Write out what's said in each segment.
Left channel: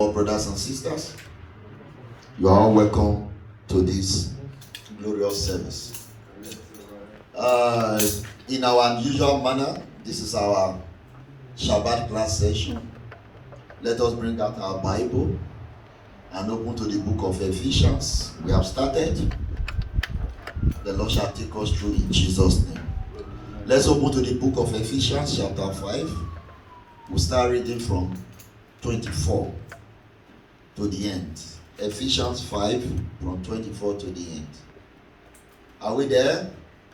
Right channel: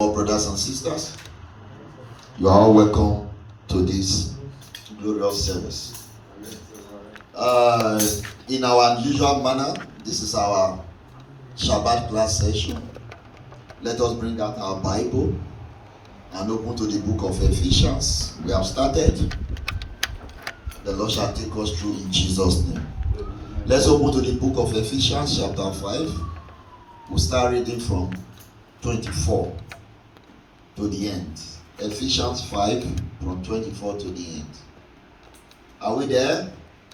Brothers and sisters, you are all welcome to this glorious service. In our unusual manner, this is our Shabbat class session. Let us bring out our Bible and open to the book of Ephesians. We have started. The Lord shall take us through in Jesus' name. Let's open to the book of Ephesians chapter 5. We'll start reading from 24 to the end. Ephesians 5 from 24 to the end. Are we there?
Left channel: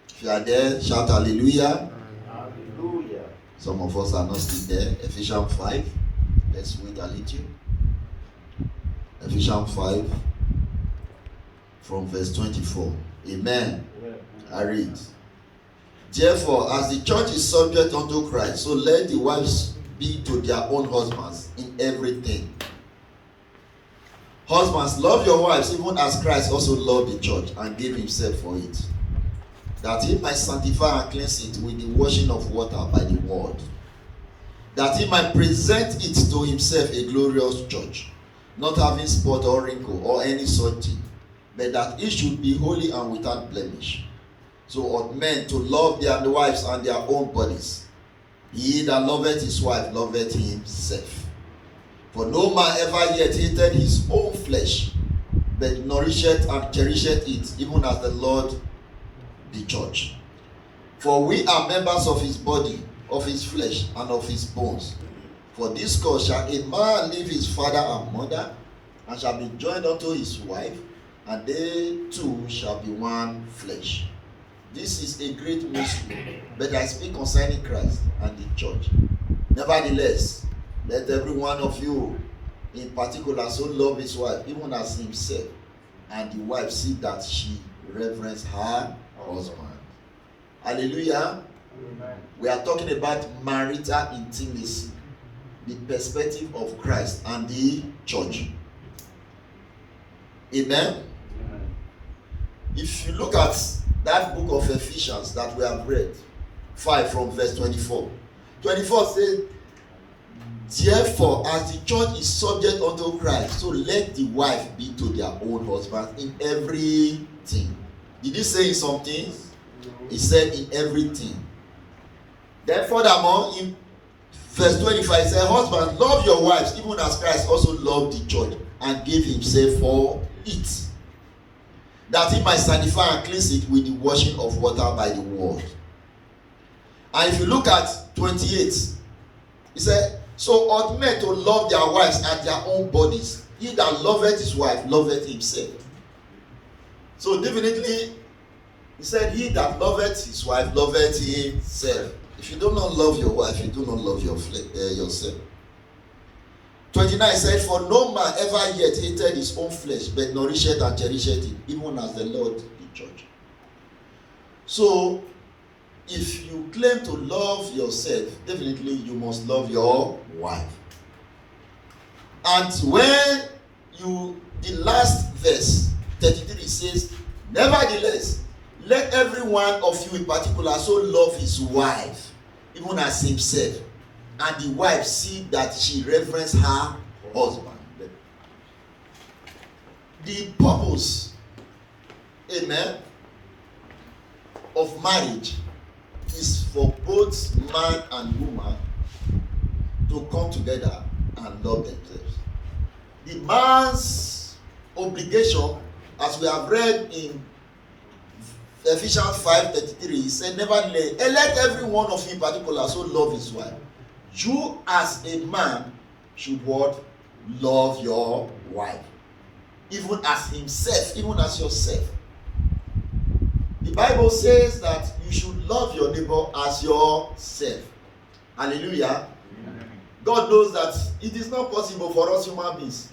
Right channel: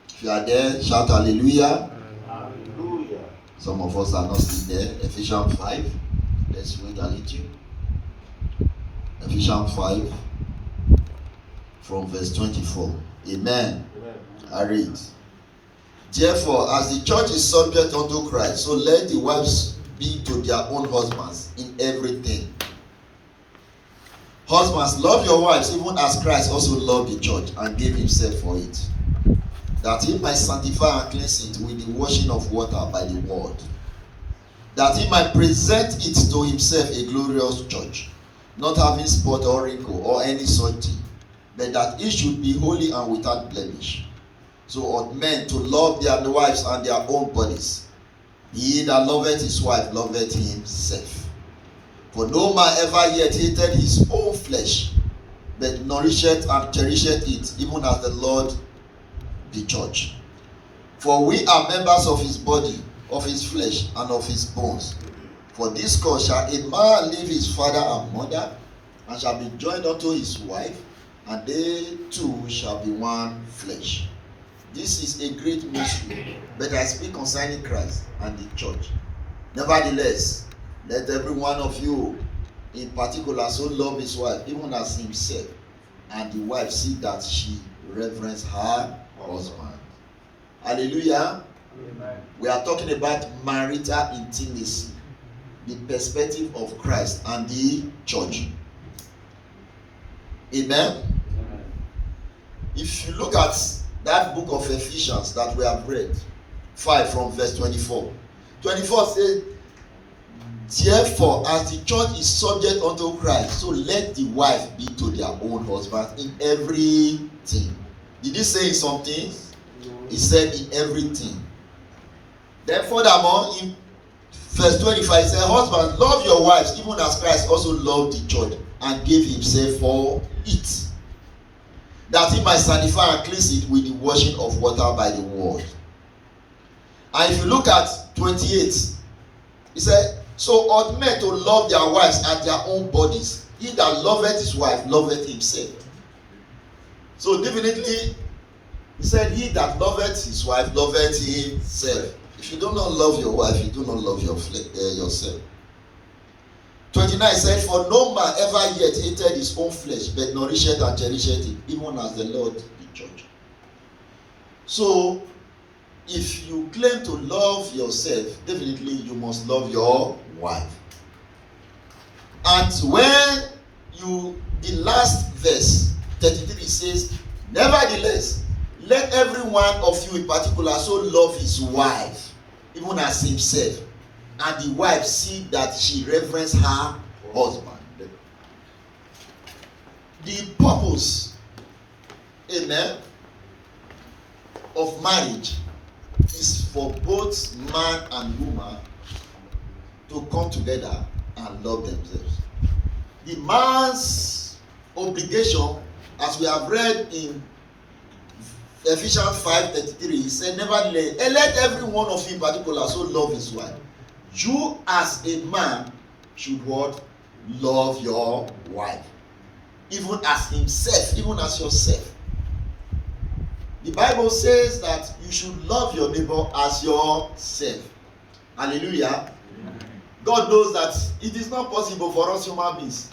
If you are there, shout hallelujah. Hallelujah. Some of us are not still there. Ephesians 5. Let's wait a little. Ephesians 5 from verse 24. Amen. Amen. I read. Therefore, as the church is subject unto Christ, so let the wives be to their own husbands in everything. Husbands, love your wives even as Christ also loved the church and gave himself for it, that he might sanctify and cleanse it with the washing of water by the word, that he might present it to himself a glorious church, not having spot or wrinkle or any such thing, but that it should be holy and without blemish. So ought men to love their wives and their own bodies. He that loveth his wife loveth himself. For no man ever yet hated his own flesh, but nourisheth and cherisheth it, even as the Lord the church. For we are members of his body, of his flesh, and of his bones. For this cause shall a man leave his father and mother, and shall be joined unto his wife, and they two shall be one flesh. This is a great mystery, but I speak concerning Christ and the church. Nevertheless, let every one of you in particular so love his wife, even as himself, and the wife see that she reverence her husband. Hallelujah. Amen. We are talking about marital intimacy, the perspective of Christ and the church. Amen. Amen. If you look at that book of Ephesians that we have read, 5 from verse 24. 24 says, therefore, as the church is subject unto Christ, so let the wife be to their own husbands in everything. Did he say something? He said in everything. Then furthermore, in verse 25, he said, husbands, love your wives, even as Christ also loved the church and gave himself for it, that he might sanctify and cleanse it with the washing of water by the word. And if you look at 28, he said, so ought men to love their wives and their own bodies. He that loveth his wife loveth himself. So definitely, he said, he that loveth his wife loveth himself. If you do not love your wife, you do not love yourself. 29 said, for no man ever yet hated his own flesh, but nourisheth and cherisheth it, even as the Lord the church. So, if you claim to love yourself, definitely you must love your wife. And when the last verse, 33 says, nevertheless, let every one of you in particular so love his wife, even as himself, and the wife see that she reverence her husband. The purpose, amen, of marriage is for both man and woman to come together and love themselves. The man's obligation, as we have read in Ephesians 5:33, he said, nevertheless, let every one of you in particular so love his wife. You as a man should what? Love your wife, even as himself, even as yourself. The Bible says that you should love your neighbor as yourself. Hallelujah. Amen. God knows that it is not possible for us human beings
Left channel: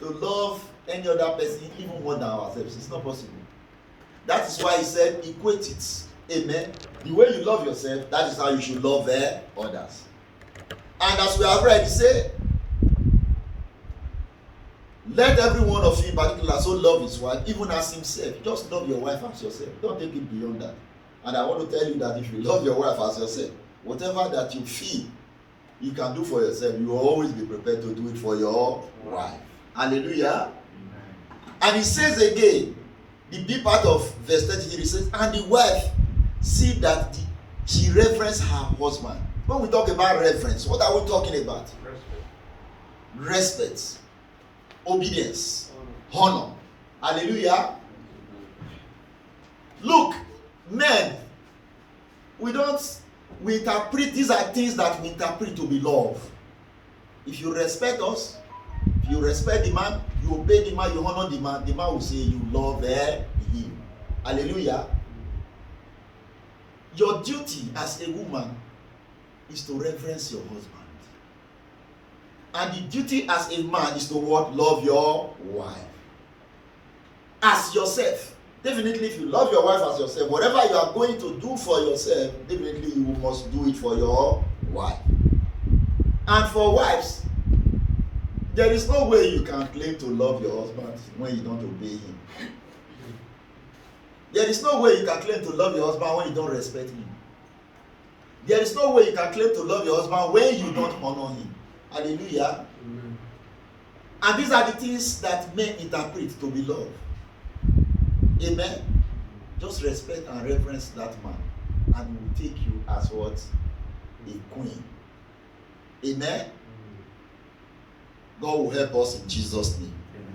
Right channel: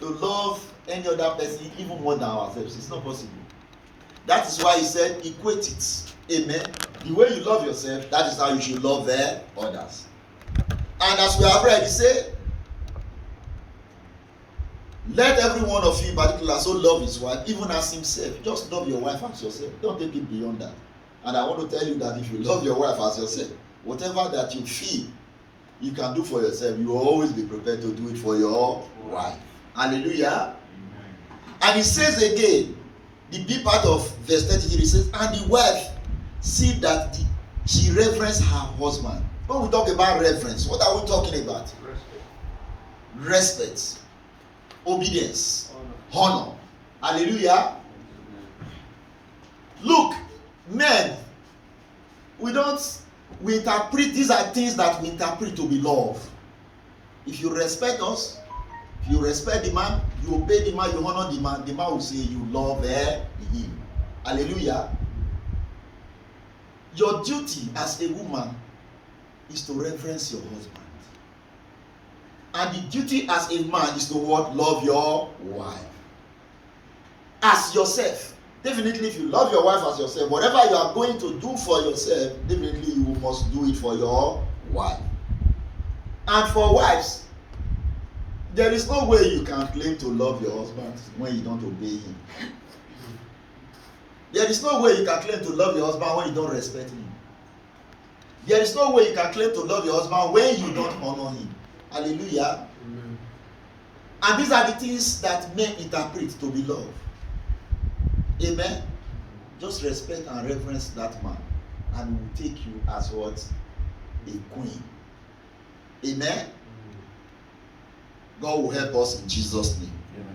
to love any other person even more than ourselves. It's not possible. That is why he said, equate it. Amen. The way you love yourself, that is how you should love others. And as we have read, he said, let every one of you in particular so love his wife, even as himself. Just love your wife as yourself. Don't take it beyond that. And I want to tell you that if you love your wife as yourself, whatever that you feel you can do for yourself, you will always be prepared to do it for your wife. Hallelujah. Amen. And he says again, the B part of verse 33 says, and the wife see that she reverence her husband. When we talk about reverence, what are we talking about? Respect, obedience, honor. Hallelujah. Look, men, we interpret, these are things that we interpret to be love. If you respect us, if you respect the man, you obey the man, you honor the man will say you love him. Hallelujah. Your duty as a woman is to reverence your husband. And the duty as a man is to what? Love your wife. As yourself. Definitely, if you love your wife as yourself, whatever you are going to do for yourself, definitely you must do it for your wife. And for wives, there is no way you can claim to love your husband when you don't obey him. There is no way you can claim to love your husband when you don't respect him. There is no way you can claim to love your husband when you don't honor him. Hallelujah. Amen. And these are the things that men interpret to be love. Amen. Just respect and reverence that man, and he will take you as what? A queen. Amen. God will help us in Jesus' name.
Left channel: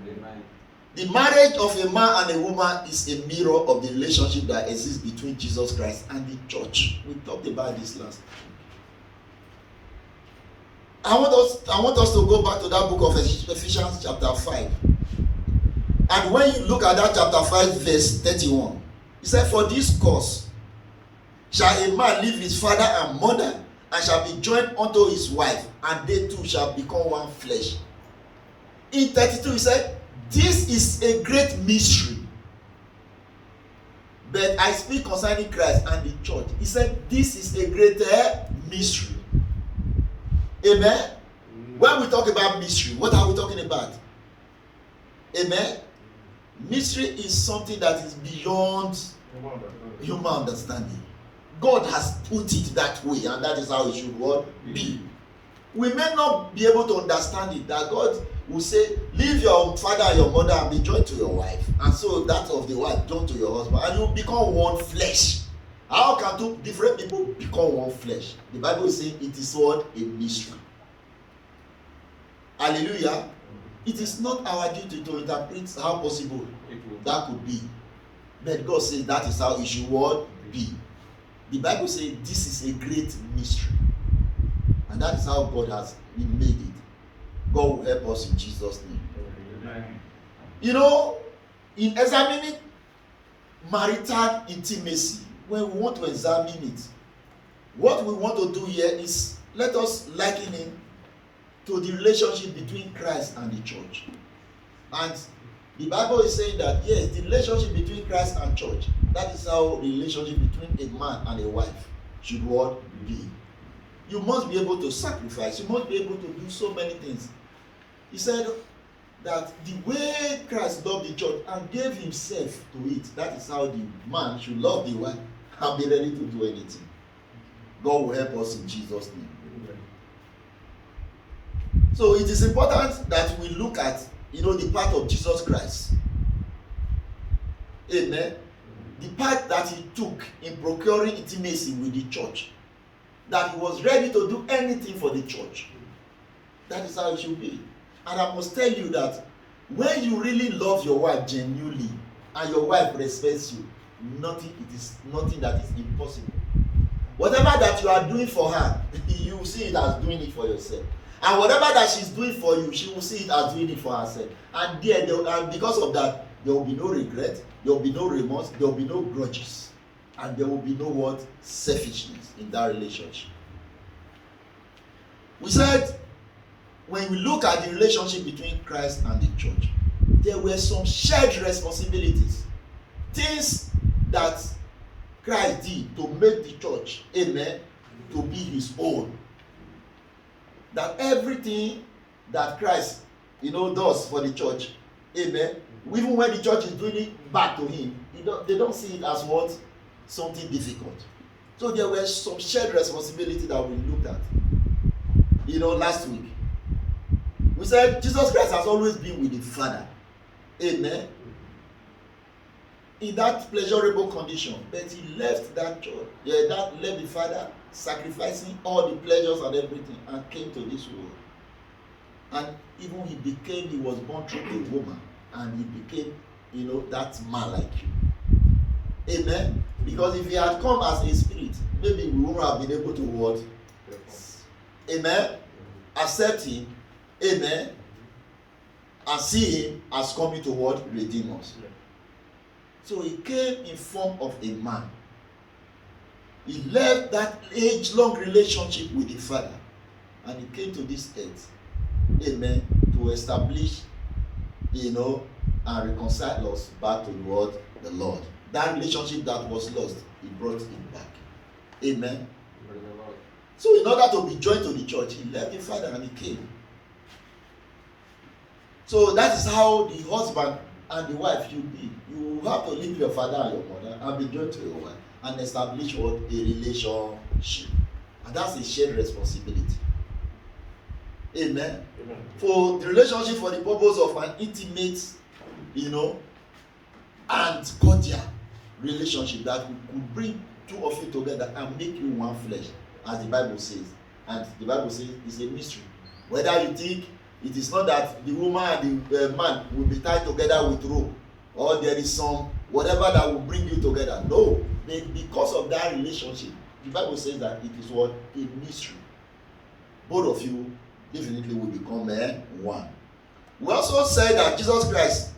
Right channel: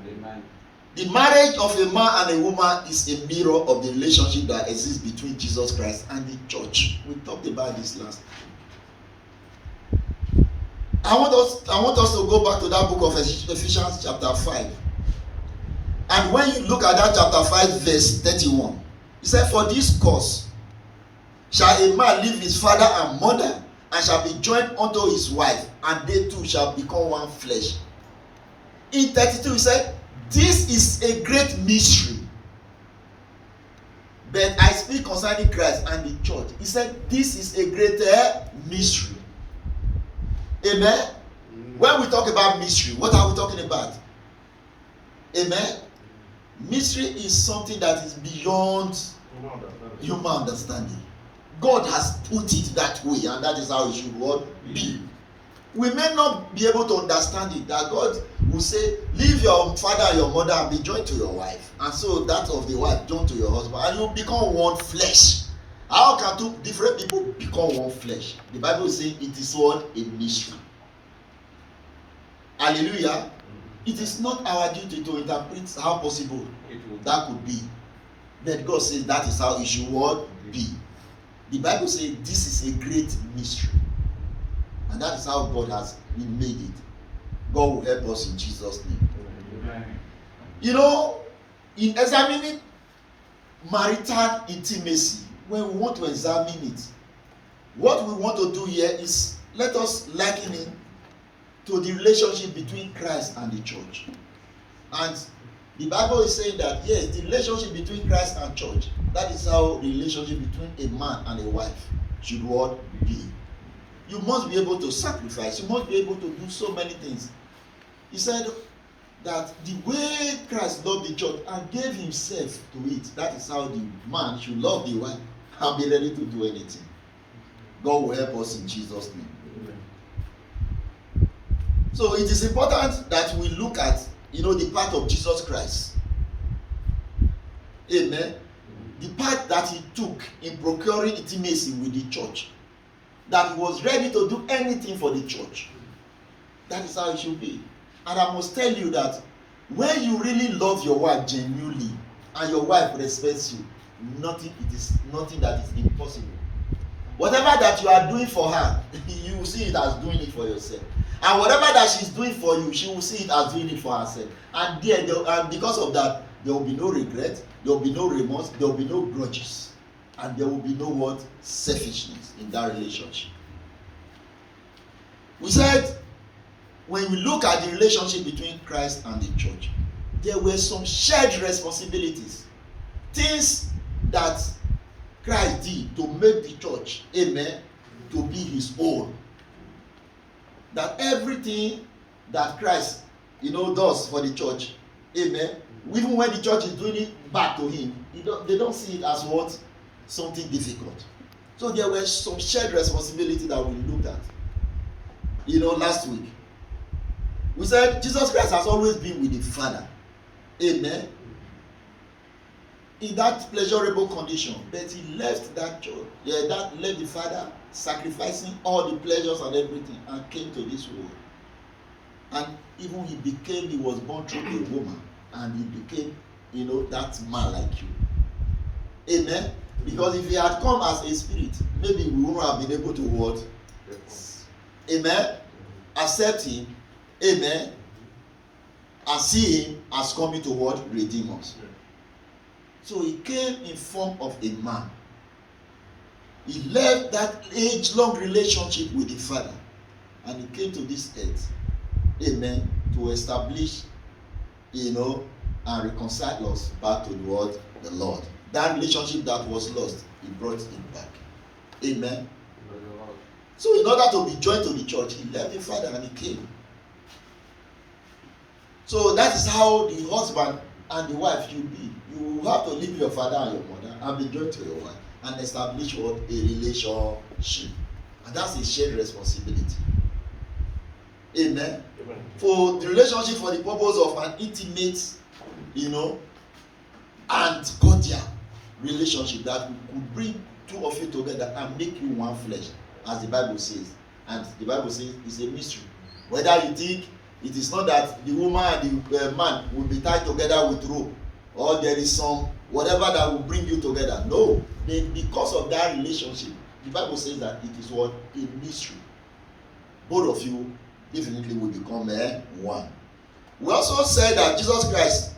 Amen. The marriage of a man and a woman is a mirror of the relationship that exists between Jesus Christ and the church. We talked about this last time. I want us to go back to that book of Ephesians chapter 5. And when you look at that chapter 5 verse 31, he said, for this cause shall a man leave his father and mother, and shall be joined unto his wife, and they two shall become one flesh. In 32 he said, this is a great mystery, but I speak concerning Christ and the church. He said this is a greater mystery. Amen. When we talk about mystery, what are we talking about? Amen. Mystery is something that is beyond human understanding. God has put it that way, and that is how it should be. We may not be able to understand it, that God will say, leave your father and your mother and be joined to your wife, and so that of the wife joined to your husband, and you become one flesh. How can two different people become one flesh? The Bible is saying it is what? A mystery. Hallelujah. It is not our duty to interpret how possible that could be. But God says that is how it should be. The Bible says this is a great mystery. And that is how God has made it. God will help us in Jesus' name. Amen. You know, in examining marital intimacy, when we want to examine it, what we want to do here is let us liken it to the relationship between Christ and the church. And the Bible is saying that yes, the relationship between Christ and church, that is how the relationship between a man and a wife should be. You must be able to sacrifice. You must be able to do so many things. He said that the way Christ loved the church and gave himself to it, that is how the man should love the wife and be ready to do anything. God will help us in Jesus' name. So it is important that we look at, the part of Jesus Christ. Amen. The part that he took in procuring intimacy with the church. That he was ready to do anything for the church. That is how it should be. And I must tell you that when you really love your wife genuinely and your wife respects you, it is nothing that is impossible. Whatever that you are doing for her, you will see it as doing it for yourself. And whatever that she's doing for you, she will see it as doing it for herself. And because of that, there will be no regret, there will be no remorse, there will be no grudges. And there will be no selfishness in that relationship. We said, when we look at the relationship between Christ and the church, there were some shared responsibilities. Things that Christ did to make the church, amen, to be his own. That everything that Christ, does for the church, amen, even when the church is doing it back to him, they don't see it as something difficult. So there were some shared responsibility that we looked at. last week. We said Jesus Christ has always been with the Father. Amen. In that pleasurable condition, but he left that church, that left the Father, sacrificing all the pleasures and everything, and came to this world. And even he was born through a woman, and he became, that man like you. Amen. Because if he had come as a spirit, maybe we wouldn't have been able to what? Amen. Accept him. Amen. And see him as coming to what? Redeem us. So he came in form of a man. He left that age-long relationship with the Father, and he came to this earth. Amen. To establish, and reconcile us back to the Lord. That relationship that was lost, he brought it back. Amen. So in order to be joined to the church, he left the Father and he came. So that is how the husband and the wife should be. You have to leave your father and your mother and be joined to your wife and establish what? A relationship. And that's a shared responsibility. Amen. Amen. For the relationship, for the purpose of an intimate, and cordial relationship that could bring two of you together and make you one flesh, as the Bible says. And the Bible says it's a mystery. Whether you think it is not that the woman and the man will be tied together with rope, or there is some whatever that will bring you together. No, because of that relationship, the Bible says that it is what? A mystery. Both of you definitely will become one. We also said that Jesus Christ,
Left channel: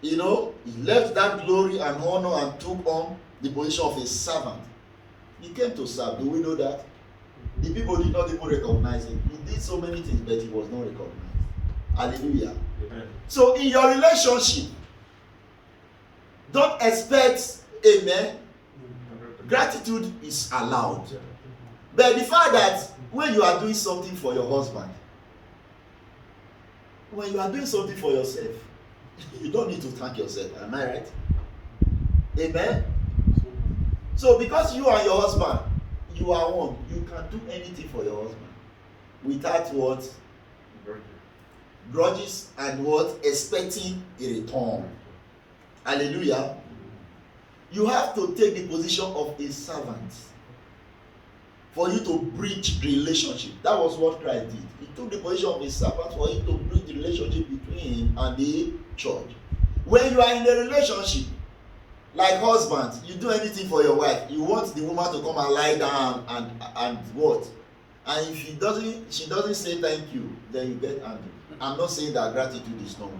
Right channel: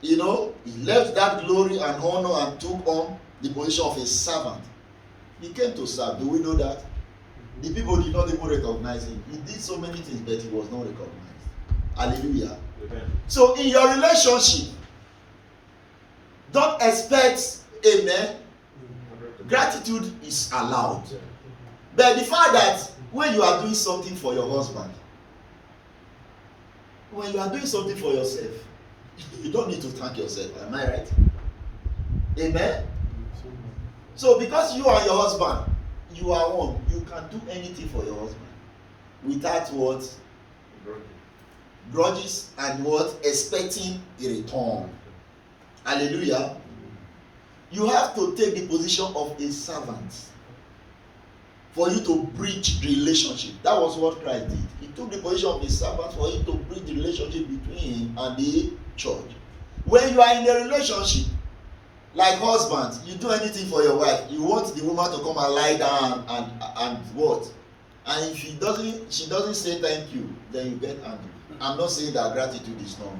he left that glory and honor and took on the position of a servant. He came to serve. Do we know that? The people did not even recognize him. He did so many things, but he was not recognized. Hallelujah. Amen. So in your relationship, don't expect, amen, gratitude is allowed. But the fact that when you are doing something for your husband, when you are doing something for yourself, you don't need to thank yourself. Am I right? Amen. So because you and your husband, you are one, you can do anything for your husband without what? Grudges and what? Expecting a return. Hallelujah. You have to take the position of a servant for you to bridge the relationship. That was what Christ did. He took the position of a servant for him to bridge the relationship between him and the church. When you are in a relationship, like husband, you do anything for your wife. You want the woman to come and lie down and what? And if she doesn't say thank you, then you get angry. I'm not saying that gratitude is not good.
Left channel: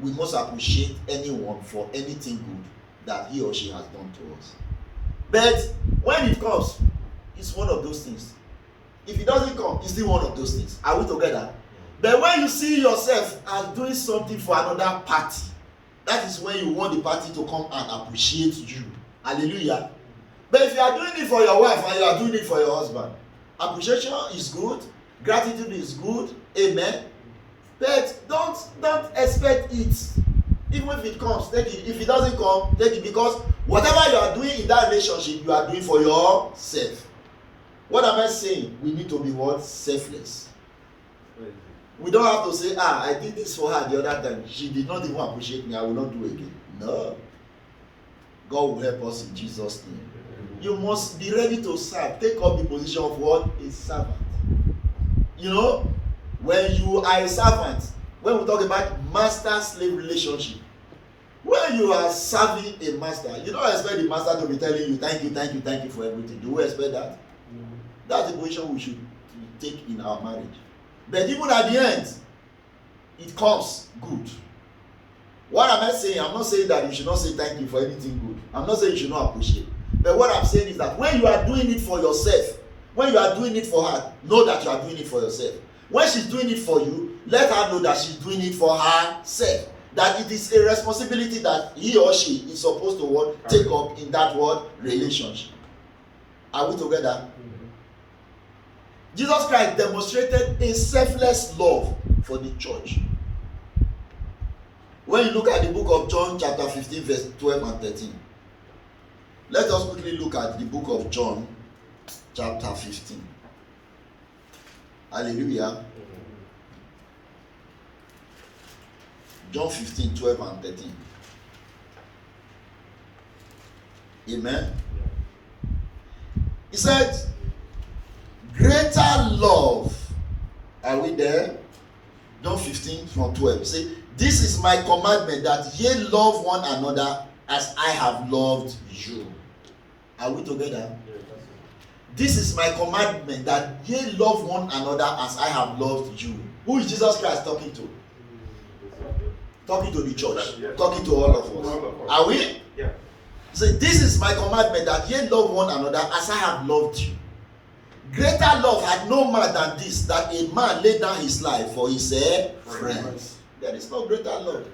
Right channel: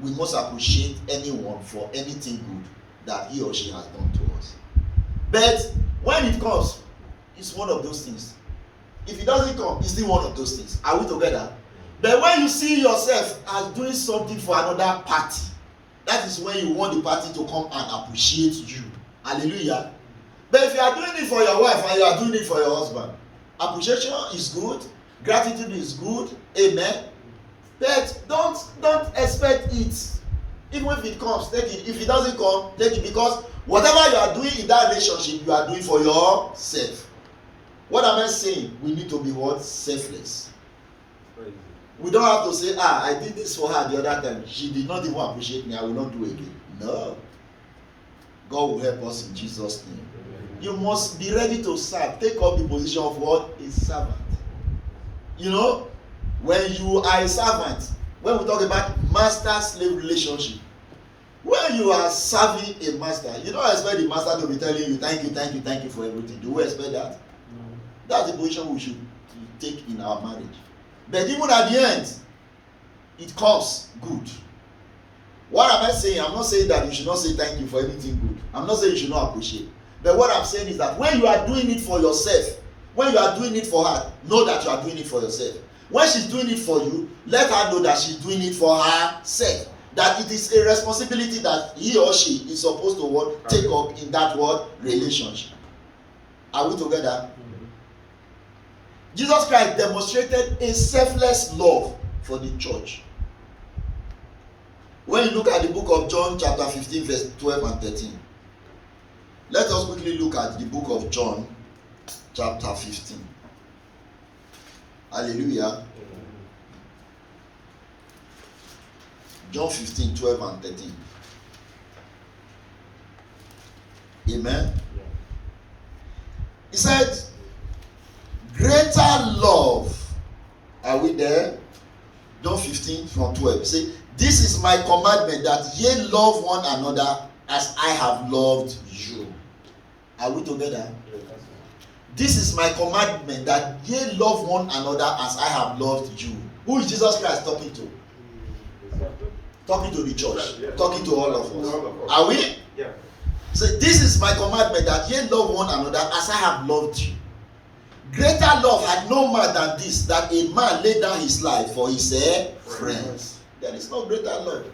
We must appreciate anyone for anything good that he or she has done to us. But when it comes, it's one of those things. If it doesn't come, it's still one of those things. Are we together? But when you see yourself as doing something for another party, that is when you want the party to come and appreciate you. Hallelujah. But if you are doing it for your wife and you are doing it for your husband, appreciation is good, gratitude is good, amen. But don't expect it. Even if it comes, take it. If it doesn't come, take it, because whatever you are doing in that relationship, you are doing for yourself. What am I saying? We need to be what? Selfless. We don't have to say, I did this for her the other time. She did not even appreciate me. I will not do it again. No. God will help us in Jesus' name. You must be ready to serve. Take up the position of what? A servant. When you are a servant, when we talk about master-slave relationship, when you are serving a master, you don't expect the master to be telling you, thank you for everything. Do we expect that? No. That's the position we should take in our marriage. But even at the end, it comes good. What am I saying? I'm not saying that you should not say thank you for anything good. I'm not saying you should not appreciate. But what I'm saying is that when you are doing it for yourself, when you are doing it for her, know that you are doing it for yourself. When she's doing it for you, let her know that she's doing it for herself. That it is a responsibility that he or she is supposed to take up in that relationship. Are we together? Mm-hmm. Jesus Christ demonstrated a selfless love for the church. When you look at the book of John chapter 15 verse 12 and 13. Let us quickly look at the book of John chapter 15. Hallelujah. John 15, 12 and 13. Amen. He said, greater love. Are we there? John 15 from 12. Say, this is my commandment, that ye love one another as I have loved you. Are we together? This is my commandment, that ye love one another as I have loved you. Who is Jesus Christ talking to? Talking to the church. Talking to all of us. Are we? Yeah. So this is my commandment, that ye love one another as I have loved you. Greater love had no man than this, that a man lay down his life for his friends. There is no greater love.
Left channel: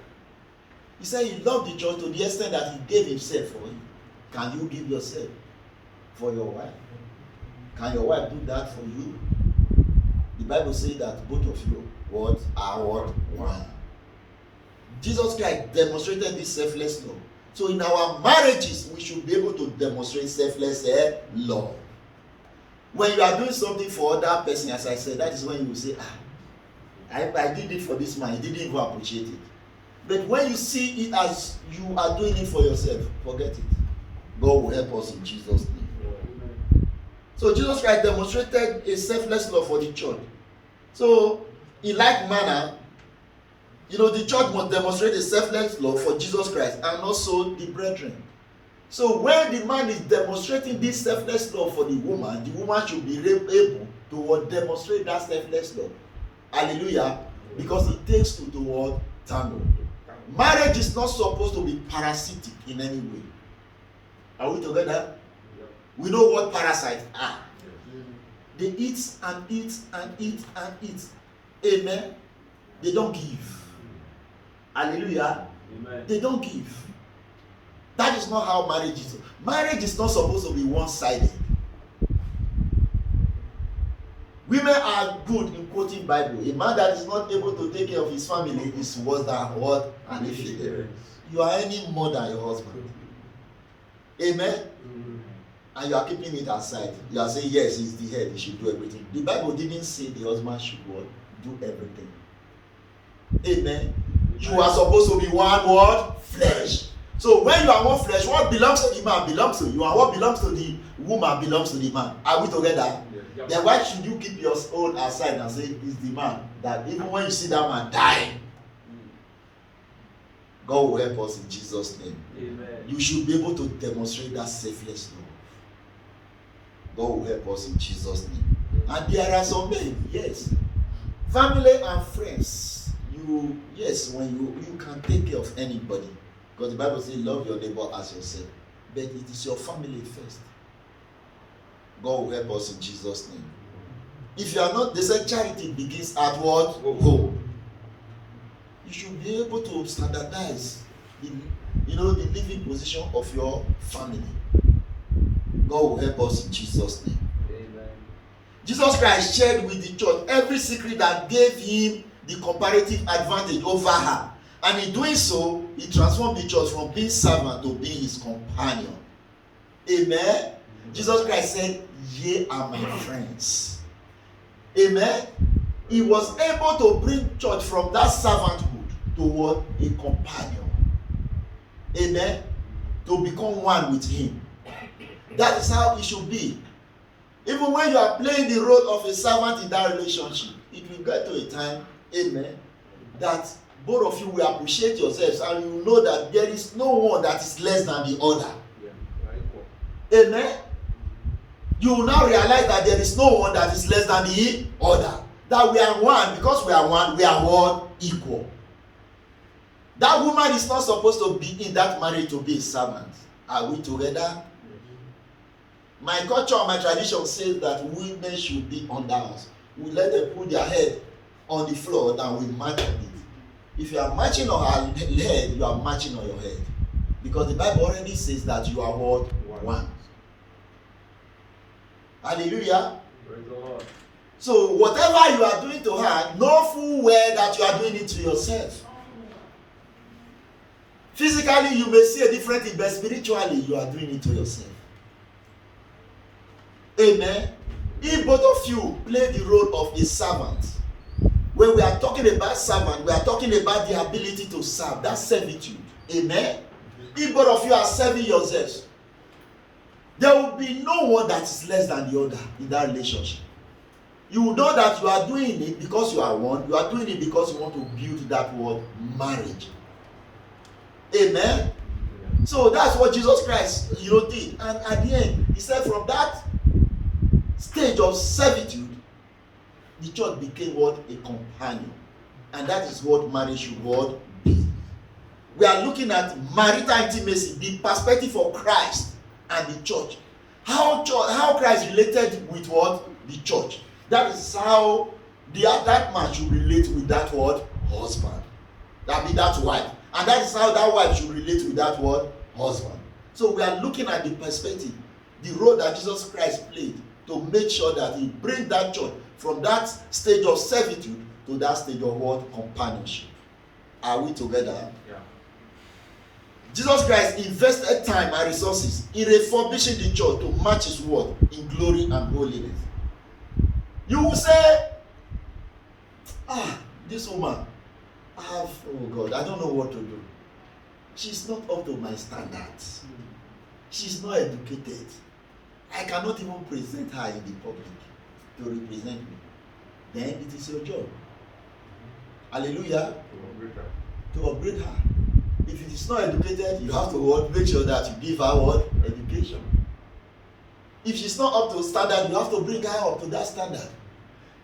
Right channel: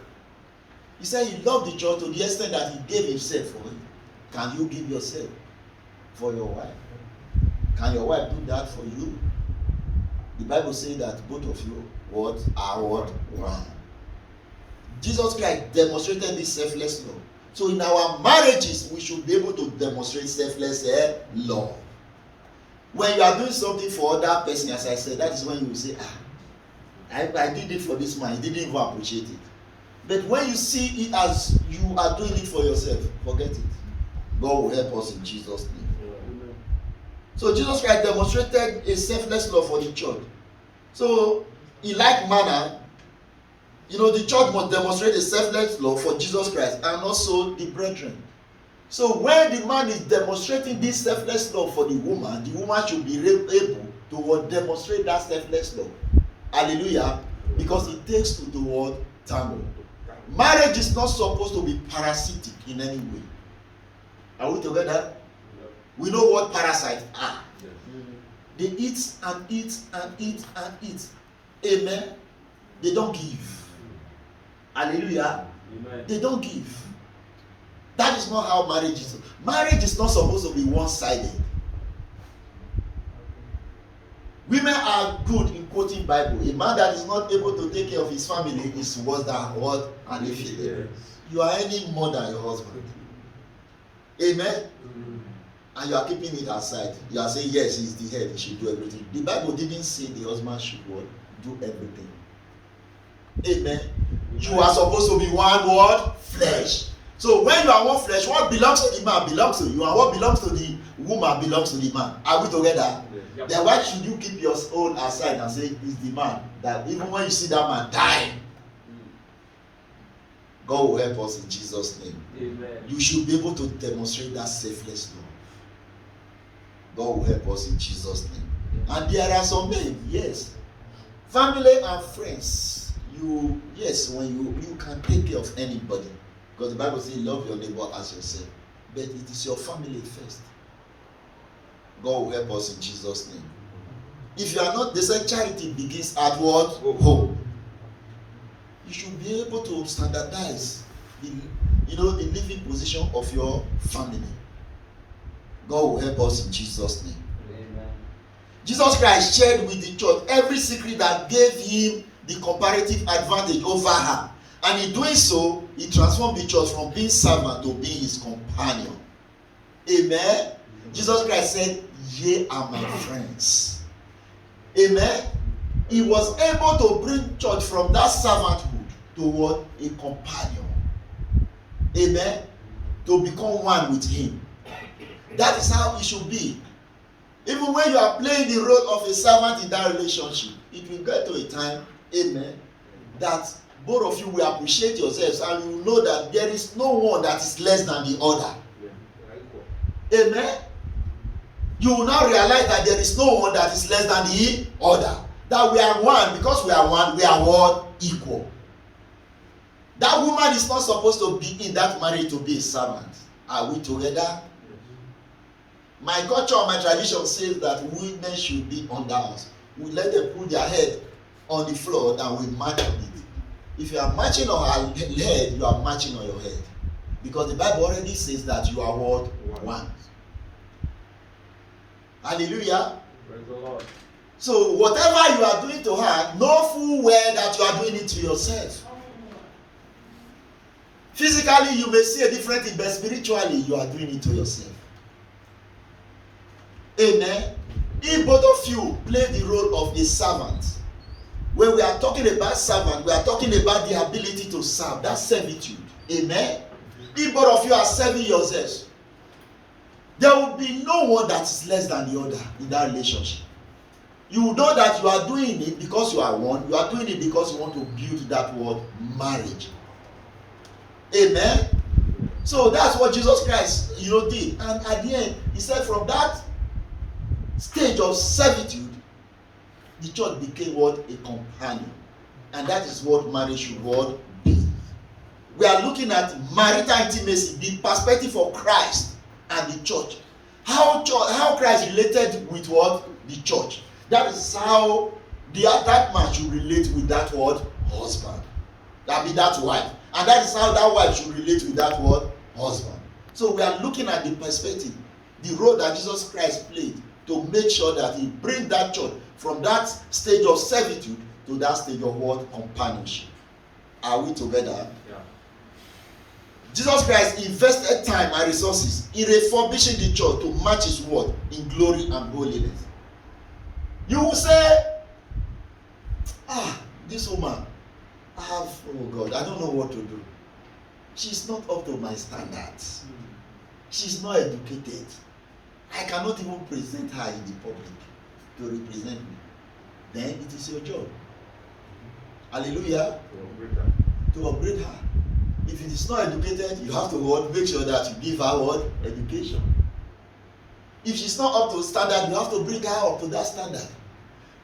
He said he loved the church to the extent that he gave himself for it. Can you give yourself for your wife? Can your wife do that for you? The Bible says that both of you are one. Jesus Christ demonstrated this selfless love. So in our marriages, we should be able to demonstrate selfless love. When you are doing something for other person, as I said, that is when you will say, I did it for this man, he didn't even appreciate it. But when you see it as you are doing it for yourself, forget it. God will help us in Jesus' name. So Jesus Christ demonstrated a selfless love for the church. So in like manner, the church must demonstrate a selfless love for Jesus Christ and also the brethren. So when the man is demonstrating this selfless love for the woman should be able to demonstrate that selfless love. Hallelujah. Because it takes two to tango. Marriage is not supposed to be parasitic in any way. Are we together? We know what parasites are. They eat and eat and eat and eat. Amen. They don't give. Hallelujah. Amen. They don't give. That is not how marriage is. Marriage is not supposed to be one-sided. Women are good in quoting Bible. A man that is not able to take care of his family is worse than what? An infidel. You are earning more than your husband. Amen. And you are keeping it aside. You are saying, yes, he's the head, he should do everything. The Bible didn't say the husband should do everything. Amen. You are supposed to be one word, flesh. So when you are one flesh, what belongs to the man belongs to you, and what belongs to the woman belongs to the man. Are we together? Yeah. Then why should you keep your own aside and say it's the man, that even when you see that man dying, God will help us in Jesus' name. Amen. You should be able to demonstrate that selfless love. God will help us in Jesus' name. And there are some men, yes, family and friends. When you can take care of anybody. Because the Bible says, love your neighbor as yourself. But it is your family first. God will help us in Jesus' name. If you are not, they say charity begins at what? Home. You should be able to standardize the living position of your family. God will help us in Jesus' name. Amen. Jesus Christ shared with the church every secret that gave him the comparative advantage over her. And in doing so, he transformed the church from being servant to being his companion. Amen. Jesus Christ said, ye are my friends. Amen. He was able to bring church from that servanthood to what? A companion. Amen. To become one with him. That is how it should be. Even when you are playing the role of a servant in that relationship, it will get to a time, amen, that both of you will appreciate yourselves and you will know that there is no one that is less than the other. Yeah. Amen. You will now realize that there is no one that is less than the other. That we are one. Because we are one, we are one equal. That woman is not supposed to be in that marriage to be a servant. Are we together? My culture and my tradition says that women should be under us. We let them put their head on the floor, then we match on it. If you are matching on her head, you are matching on your head. Because the Bible already says that you are what? One. Hallelujah. Praise the Lord. So whatever you are doing to her, know full well that you are doing it to yourself. Physically, you may see a different thing, but spiritually, you are doing it to yourself. Amen. If both of you play the role of a servant, when we are talking about servant, we are talking about the ability to serve. That's servitude. Amen. If both of you are serving yourselves, there will be no one that is less than the other in that relationship. You will know that you are doing it because you are one. You are doing it because you want to build that word marriage. Amen. So that's what Jesus Christ, did. And at the end, he said from that stage of servitude, the church became what? A companion. And that is what marriage should what be. We are looking at marital intimacy, the perspective of Christ and the church. How Christ related with what? The church. That is how that man should relate with that word husband. That be that wife. And that is how that wife should relate with that word husband. So we are looking at the perspective, the role that Jesus Christ played to make sure that he brings that church from that stage of servitude to that stage of what? Companionship. Are we together? Yeah. Jesus Christ invested time and resources in refurbishing the church to match his word in glory and holiness. You will say, this woman, I don't know what to do. She's not up to my standards. She's not educated. I cannot even present her in the public to represent me. Then it is your job. Hallelujah. To upgrade her. If it is not educated, you have to make sure that you give her what? Education. If she's not up to standard, you have to bring her up to that standard.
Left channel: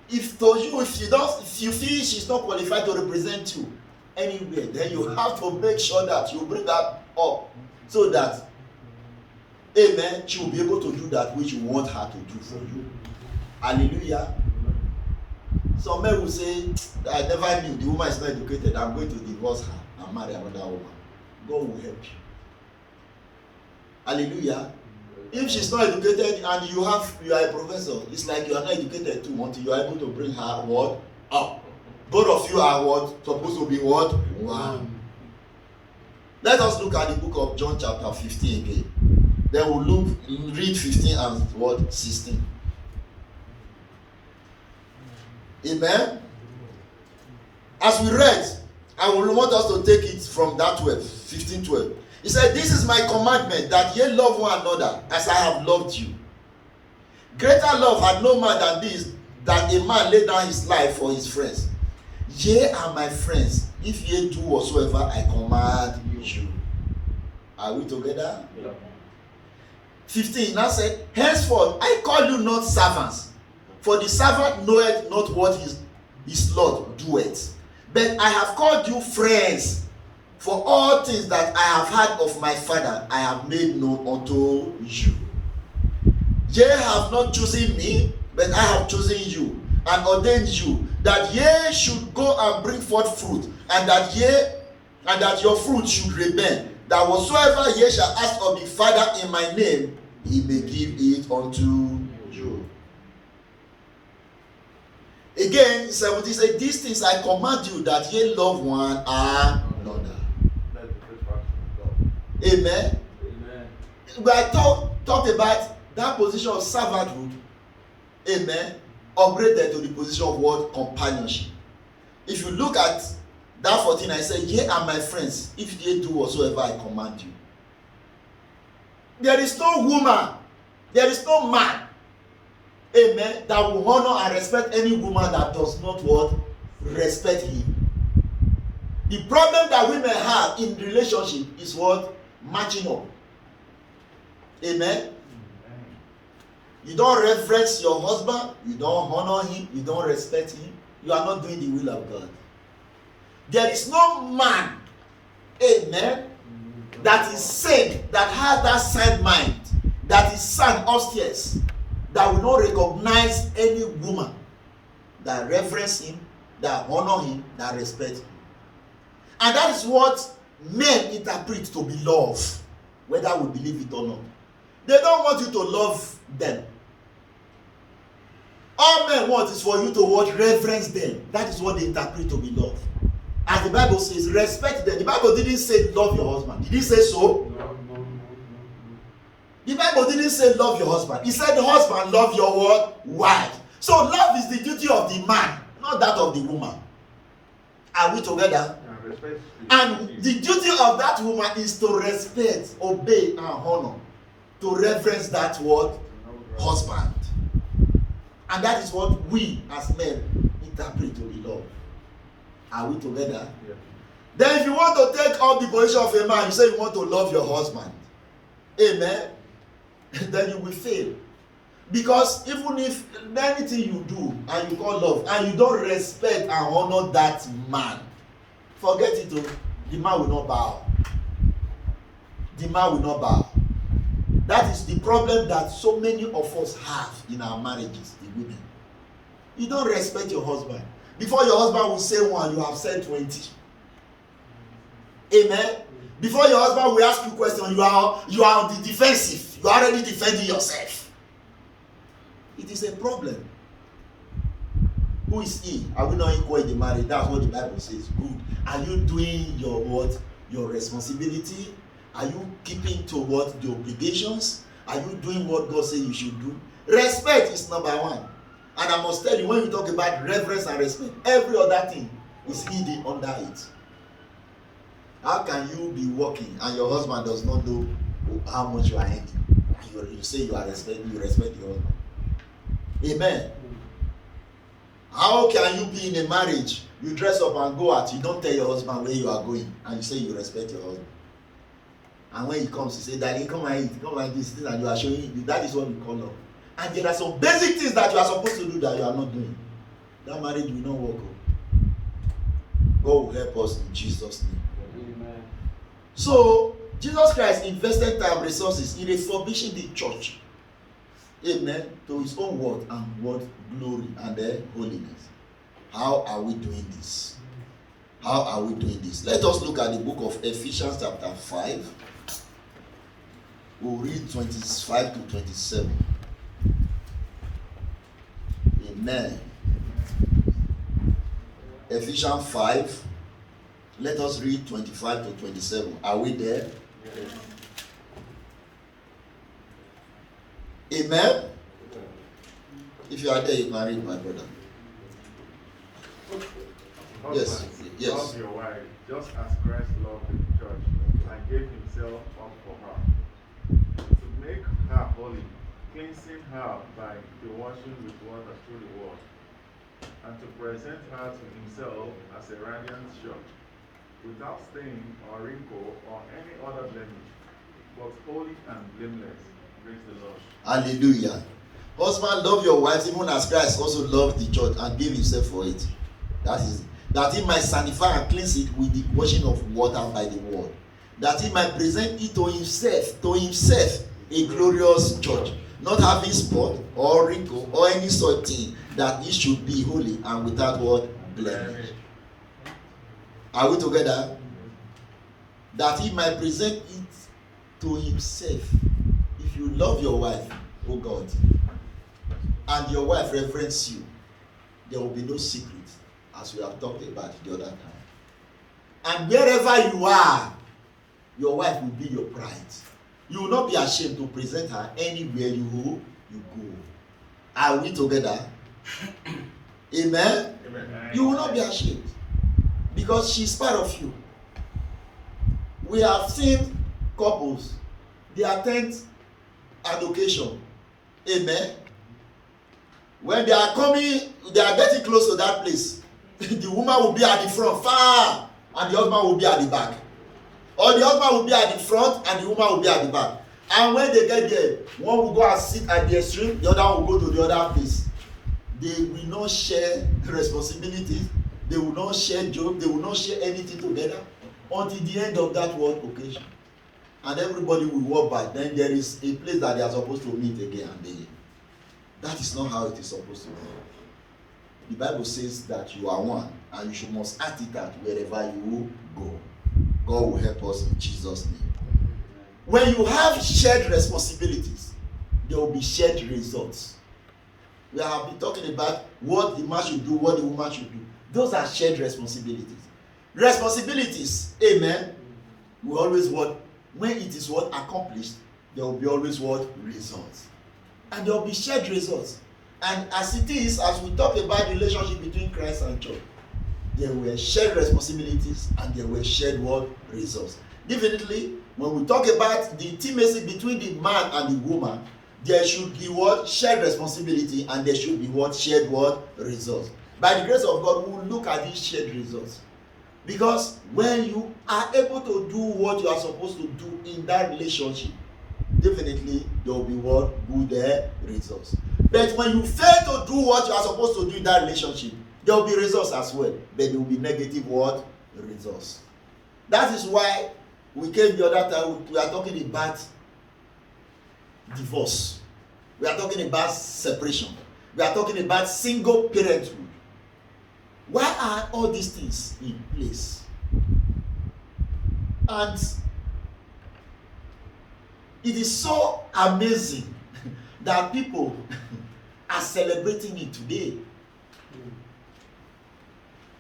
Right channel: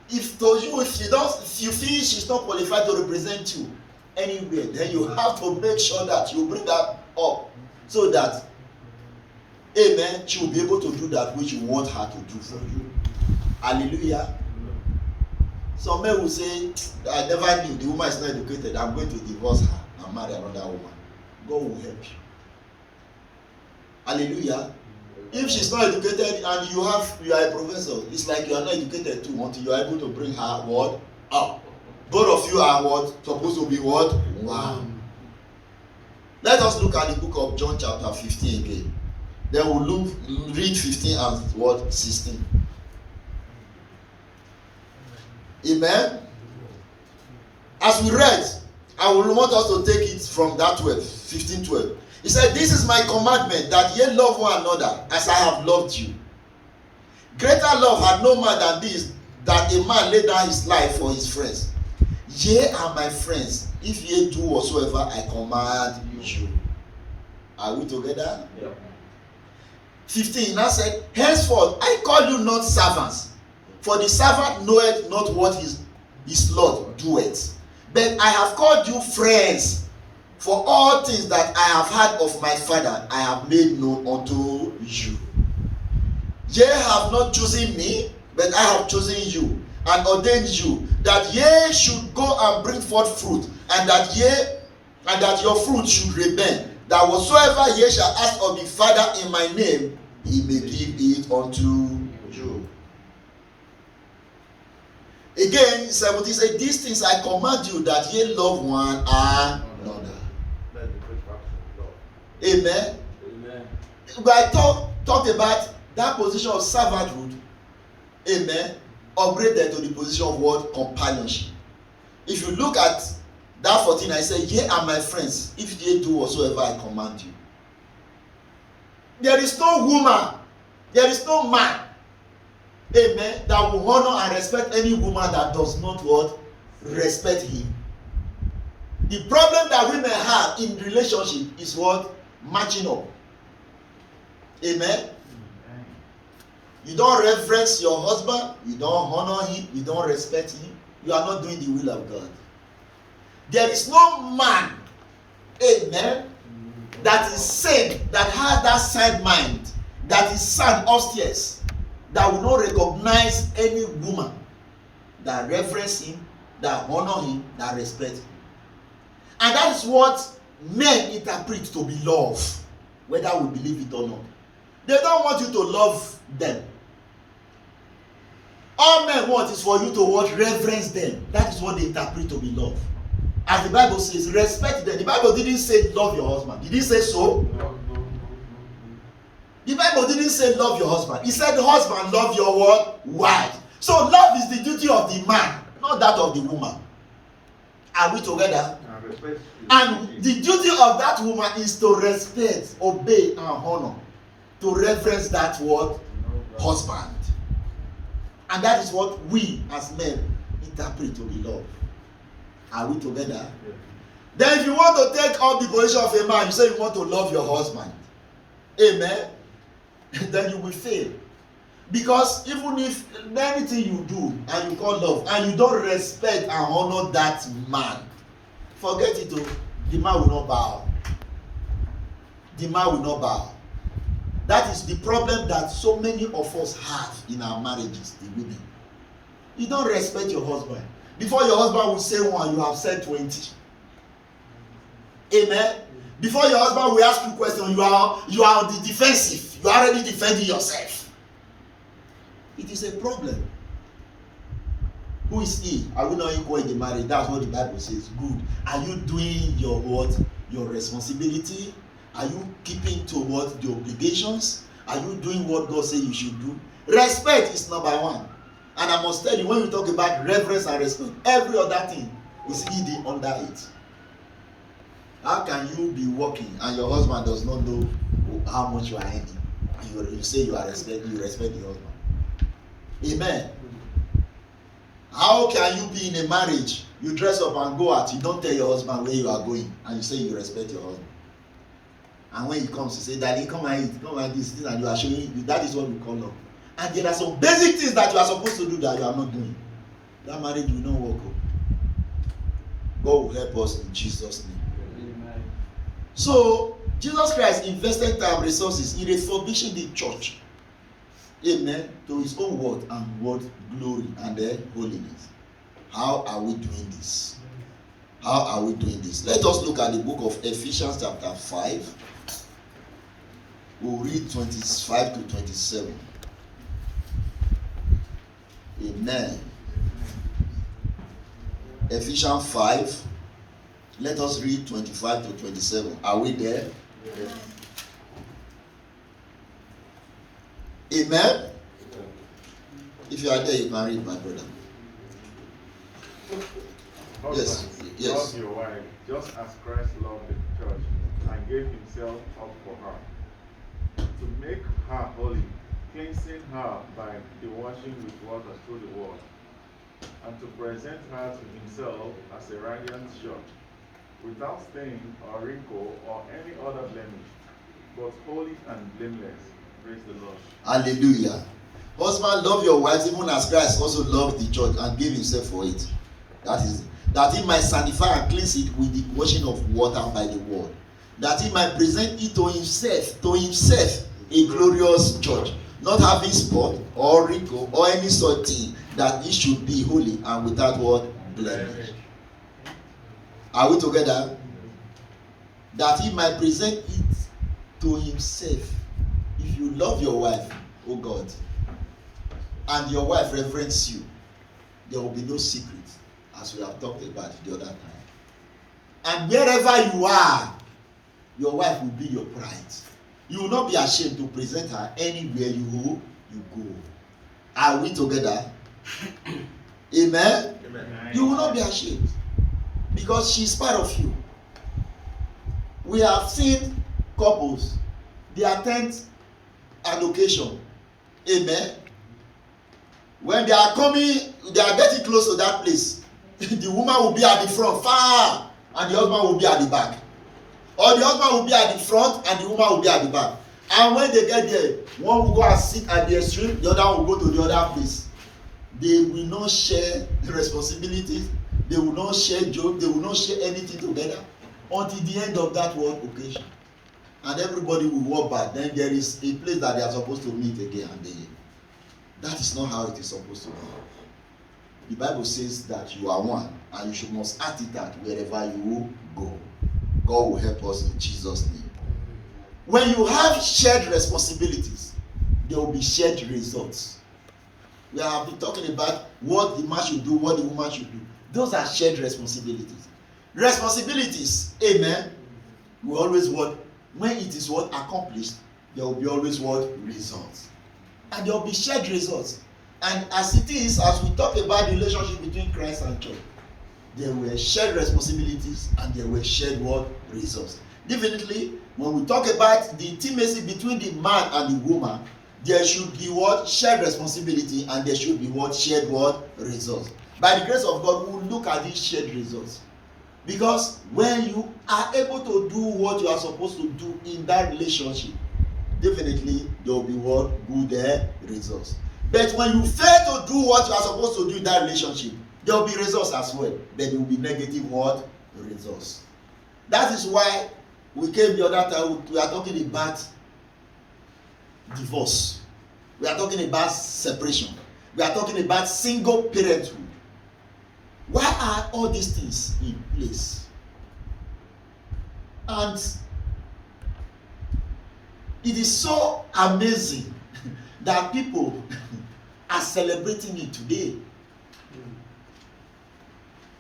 If you feel she's not qualified to represent you anywhere, then you have to make sure that you bring her up so that, amen, she will be able to do that which you want her to do for you. Hallelujah. Some men will say, I never knew the woman is not educated. I'm going to divorce her and marry another woman. God will help you. Hallelujah. If she's not educated and you are a professor, it's like you are not educated too until you are able to bring her word up. Both of you are what? Supposed to be what? One. Let us look at the book of John chapter 15 again. Then we'll read 15 and what? 16. Amen. As we read, I will want us to take it from that 15:12. He said, this is my commandment, that ye love one another as I have loved you. Greater love had no man than this, that a man lay down his life for his friends. Ye are my friends, if ye do whatsoever I command you. Are we together? Yeah. 15, now said, henceforth I call you not servants, for the servant knoweth not what his Lord doeth. But I have called you friends, for all things that I have heard of my Father, I have made known unto you. Ye have not chosen me, but I have chosen you, and ordained you, that ye should go and bring forth fruit, and that your fruit should remain, that whatsoever ye shall ask of the Father in my name, he may give it unto you. Again, 17 says, these things I command you, that ye love one another. Amen. Amen. I talked about that position of servanthood. Amen. Upgraded to the position of what? Companionship. If you look at that 14, I said, ye are my friends, if ye do whatsoever I command you. There is no woman, there is no man, amen, that will honor and respect any woman that does not what? Respect him. The problem that women have in relationship is what? Matching up. Amen. You don't reverence your husband, you don't honor him, you don't respect him, you are not doing the will of God. There is no man, amen, that is saved, that has that side mind, that is sound upstairs, that will not recognize any woman that reverence him, that honor him, that respect him. And that is what men interpret to be love, whether we believe it or not. They don't want you to love them. All men want is for you to what? Reverence them. That is what they interpret to be love. As the Bible says, respect them. The Bible didn't say love your husband. Did it say so? No. The Bible didn't say love your husband. It said husband love your what? Wife. So love is the duty of the man, not that of the woman. Are we together? And the duty of that woman is to respect, obey, and honor, to reverence that word husband. And that is what we as men interpret to be love. Are we together? Yeah. Then if you want to take up the position of a man, you say you want to love your husband. Amen. Then you will fail. Because even if anything you do and you call love and you don't respect and honor that man, forget it. The man will not bow. The man will not bow. That is the problem that so many of us have in our marriages, the women. You don't respect your husband. Before your husband will say one, you have said 20. Amen. Before your husband will ask you a question, you are on the defensive. You are already defending yourself. It is a problem. Who is he? Are we not equal in the marriage? That's what the Bible says. Good. Are you doing your what? Your responsibility? Are you keeping to what? The obligations? Are you doing what God says you should do? Respect is number one. And I must tell you, when you talk about reverence and respect, every other thing is hidden under it. How can you be working and your husband does not know how much you are earning? You say you respect the husband. Amen. How can you be in a marriage? You dress up and go out. You don't tell your husband where you are going, and you say you respect your husband. And when he comes, you say, "Daddy, come and eat, come and do this," and you are showing. That is what we call love. And there are some basic things that you are supposed to do that you are not doing. That marriage will not work. God will help us in Jesus' name. Amen. So Jesus Christ invested time, resources in refurbishing the church. Amen. To his own word and word glory and holiness. How are we doing this? How are we doing this? Let us look at the book of Ephesians chapter 5. We'll read 25 to 27. Amen. Ephesians 5. Let us read 25 to 27. Are we there? Yes. Amen. If you are there, you can read, my brother. Yes. Yes. Love your wife, just as Christ loved the church and gave himself up for her, to make her holy, cleansing her by the washing with water through the word, and to present her to himself as a radiant church, without stain or wrinkle or any other blemish, but holy and blameless. Praise the Lord. Hallelujah. Husband, love your wife even as Christ also loved the church and gave himself for it. That he might sanctify and cleanse it with the washing of water by the word, that he might present it to himself a glorious church, not having spot or wrinkle or any such thing, that it should be holy and without what? Blemish. Are we together? That he might present it to himself. If you love your wife, oh God, and your wife reverence you, there will be no secret, as we have talked about the other time. And wherever you are, your wife will be your pride. You will not be ashamed to present her anywhere you go. Are we together? Amen? Amen. You will not be ashamed, because she's part of you. We have seen couples, they attend an occasion. Amen. When they are coming, they are getting close to that place. The woman will be at the front, far, and the husband will be at the back. Or the husband will be at the front and the woman will be at the back. And when they get there, one will go and sit at the extreme, the other will go to the other place. They will not share the responsibilities. They will not share jokes. They will not share anything together until the end of that one occasion. And everybody will walk back. Then there is a place that they are supposed to meet again and again. That is not how it is supposed to be. The Bible says that you are one, and you must act it out wherever you go. God will help us in Jesus' name. When you have shared responsibilities, there will be shared results. We have been talking about what the man should do, what the woman should do. Those are shared responsibilities. Responsibilities, amen, we always want, when it is what accomplished, there will be always what? Results. And there will be shared results. And as it is, as we talk about the relationship between Christ and church, there were shared responsibilities and there were shared what? Results. Definitely, when we talk about the intimacy between the man and the woman, there should be what? Shared responsibility, and there should be what? Shared what? Results. By the grace of God, we will look at these shared results. Because when you are able to do what you are supposed to do in that relationship, definitely there will be what? Good results. But when you fail to do what you are supposed to do in that relationship, there will be results as well, but there will be negative what? Results. That is why we came the other time, we are talking about divorce. We are talking about separation. We are talking about single parenthood. Why are all these things in place? And it is so amazing that people are celebrating it today.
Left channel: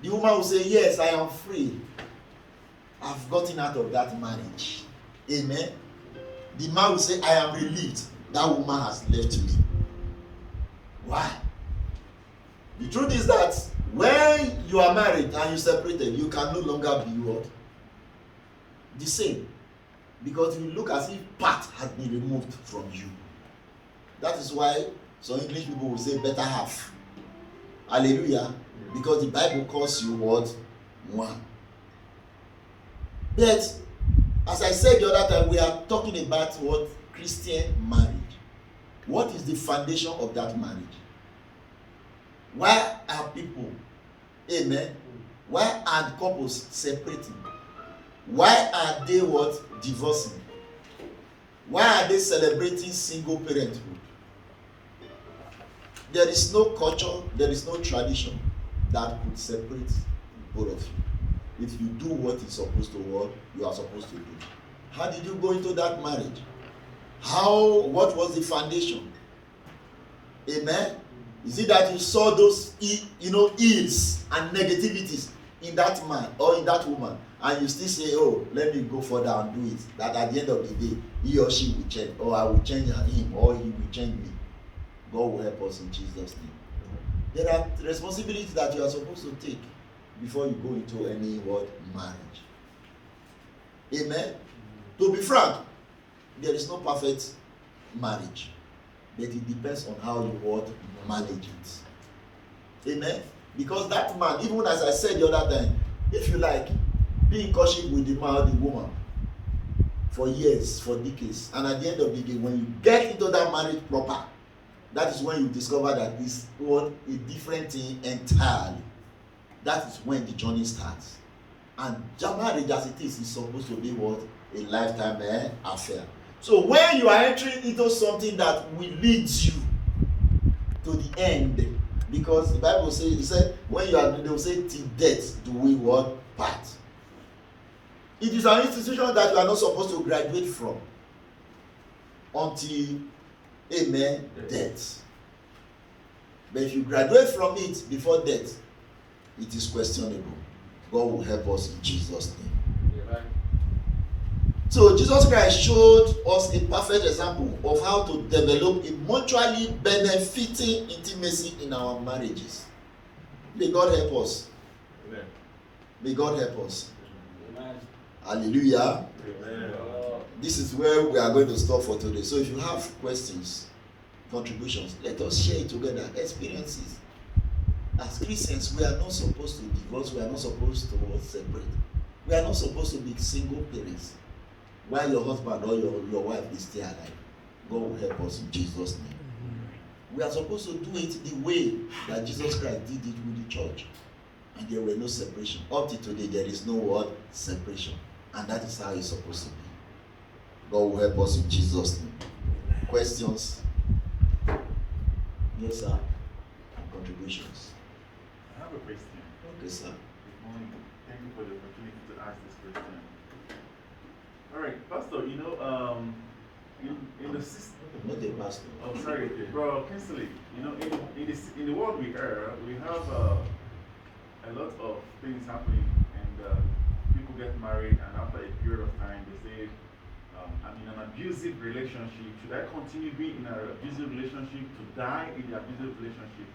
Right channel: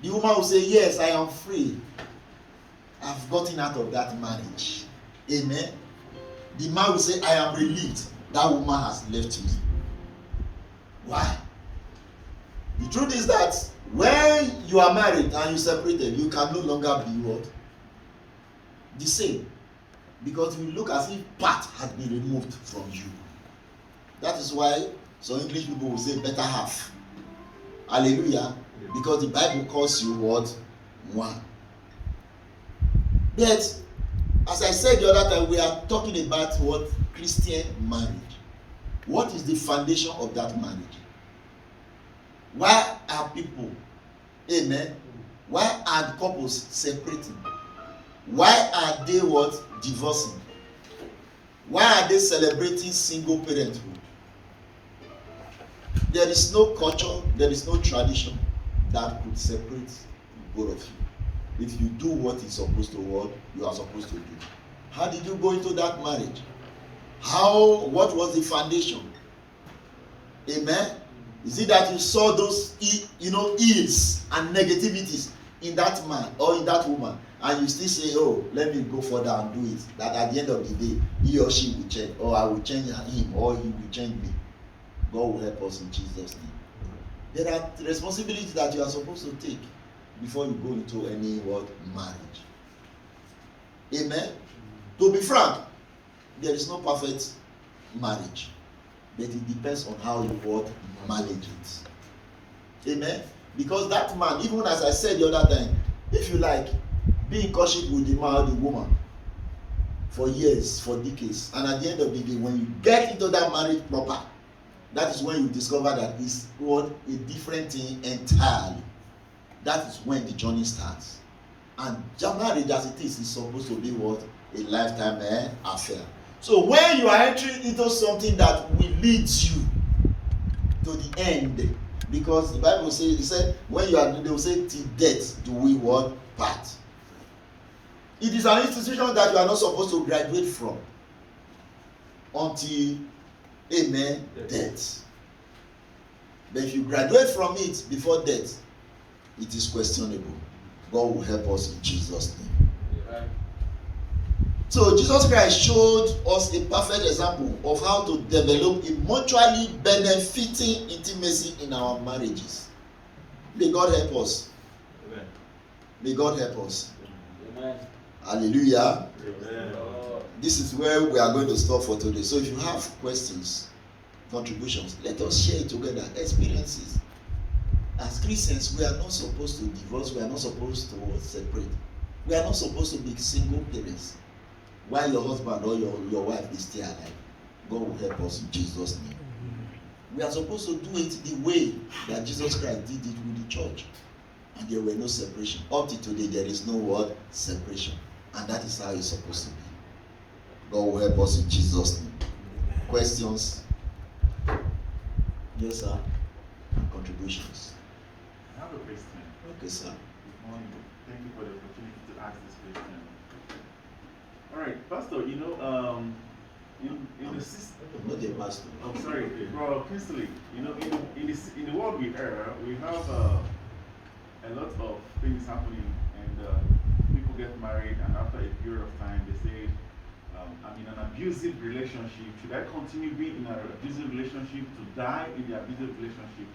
The woman will say, yes, I am free. I've gotten out of that marriage. Amen. The man will say, I am relieved. That woman has left me. Why? The truth is that when you are married and you separated, you can no longer be what? The same. Because you look as if part has been removed from you. That is why some English people will say better half. Hallelujah. Because the Bible calls you what? One. But as I said the other time, we are talking about what? Christian marriage. What is the foundation of that marriage? Why are people, amen, why are couples separating? Why are they what? Divorcing? Why are they celebrating single parenthood? There is no culture, there is no tradition that could separate both of you. If you do what is supposed to what you are supposed to do. How did you go into that marriage? What was the foundation? Amen. Is it that you saw those ills and negativities in that man or in that woman, and you still say, oh, let me go further and do it, that at the end of the day he or she will change, or I will change him, or he will change me? God will help us in Jesus' name. There are responsibilities that you are supposed to take before you go into any marriage. Amen. To be frank, there is no perfect marriage, but it depends on how you manage it. Amen. Because that man, even as I said the other time, if you like, be in courtship with the man or the woman for years, for decades, and at the end of the day, when you get into that marriage proper, that is when you discover that it's a different thing entirely. That is when the journey starts. And marriage as it is supposed to be a lifetime affair. So when you are entering into something that will lead you to the end, because the Bible says, it said, when you are, they will say, till death do we part. It is an institution that you are not supposed to graduate from until, amen, death. But if you graduate from it before death, it is questionable. God will help us in Jesus' name. Yeah. So Jesus Christ showed us a perfect example of how to develop a mutually benefiting intimacy in our marriages. May God help us. Amen. May God help us. Amen. Hallelujah. Amen. This is where we are going to stop for today. So if you have questions, contributions, let us share it together. Experiences. As Christians, we are not supposed to divorce. We are not supposed to separate. We are not supposed to be single parents while your husband or your wife is still alive. God will help us in Jesus' name. We are supposed to do it the way that Jesus Christ did it with the church. And there were no separation. Up to today, there is no separation. And that is how it's supposed to be. God will help us in Jesus' name. Questions? Yes, sir. And contributions. I have a question. Okay, sir. Good morning. Thank you for the opportunity to ask this question. All right, Pastor, in the system. Not a pastor. Oh, sorry, Bro Kinsley. In the world we have a lot of things happening, and people get married, and after a period of time, they say I'm in an abusive relationship. Should I continue being in an abusive relationship to die in the abusive relationship?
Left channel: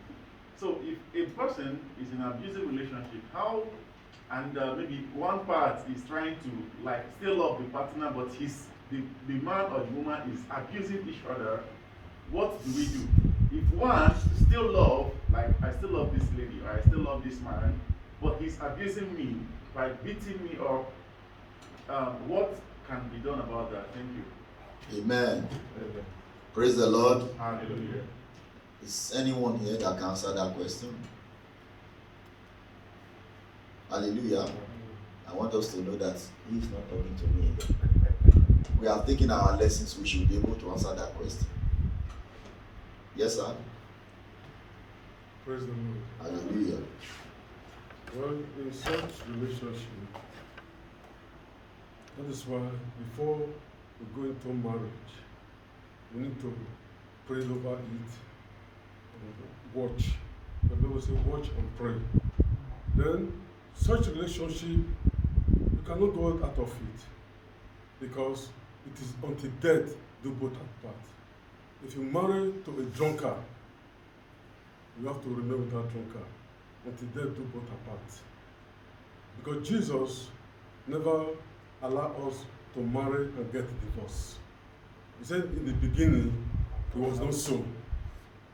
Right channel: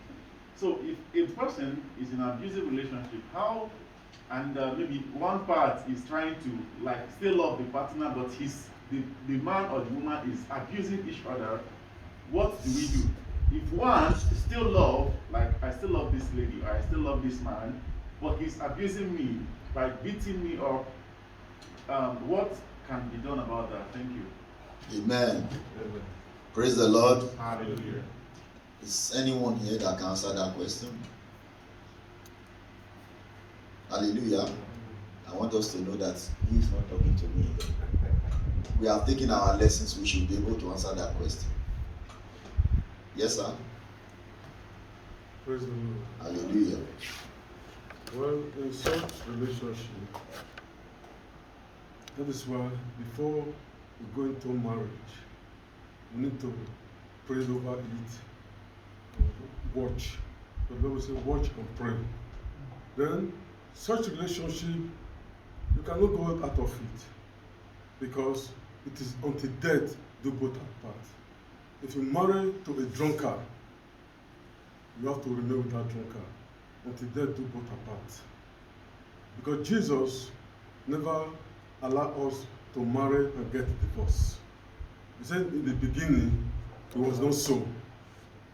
So if a person is in an abusive relationship, how, and maybe one part is trying to like still love the partner, but the man or the woman is abusing each other, what do we do? If one still love, like I still love this lady, or I still love this man, but he's abusing me by beating me up, what can be done about that? Thank you. Amen. Praise the Lord. Hallelujah. Is anyone here that can answer that question? Hallelujah. I want us to know that he is not talking to me. We have taken our lessons, we should be able to answer that question. Yes, sir? Praise the Lord. Hallelujah. Well, in such relationship, that is why before we go into marriage, we need to pray over it, watch. The Bible says watch and pray. Then such relationship, you cannot go out of it, because it is until death do both apart. If you marry to a drunkard, you have to remain with that drunkard until death do both apart. Because Jesus never allowed us to marry and get divorced. He said in the beginning it was not so.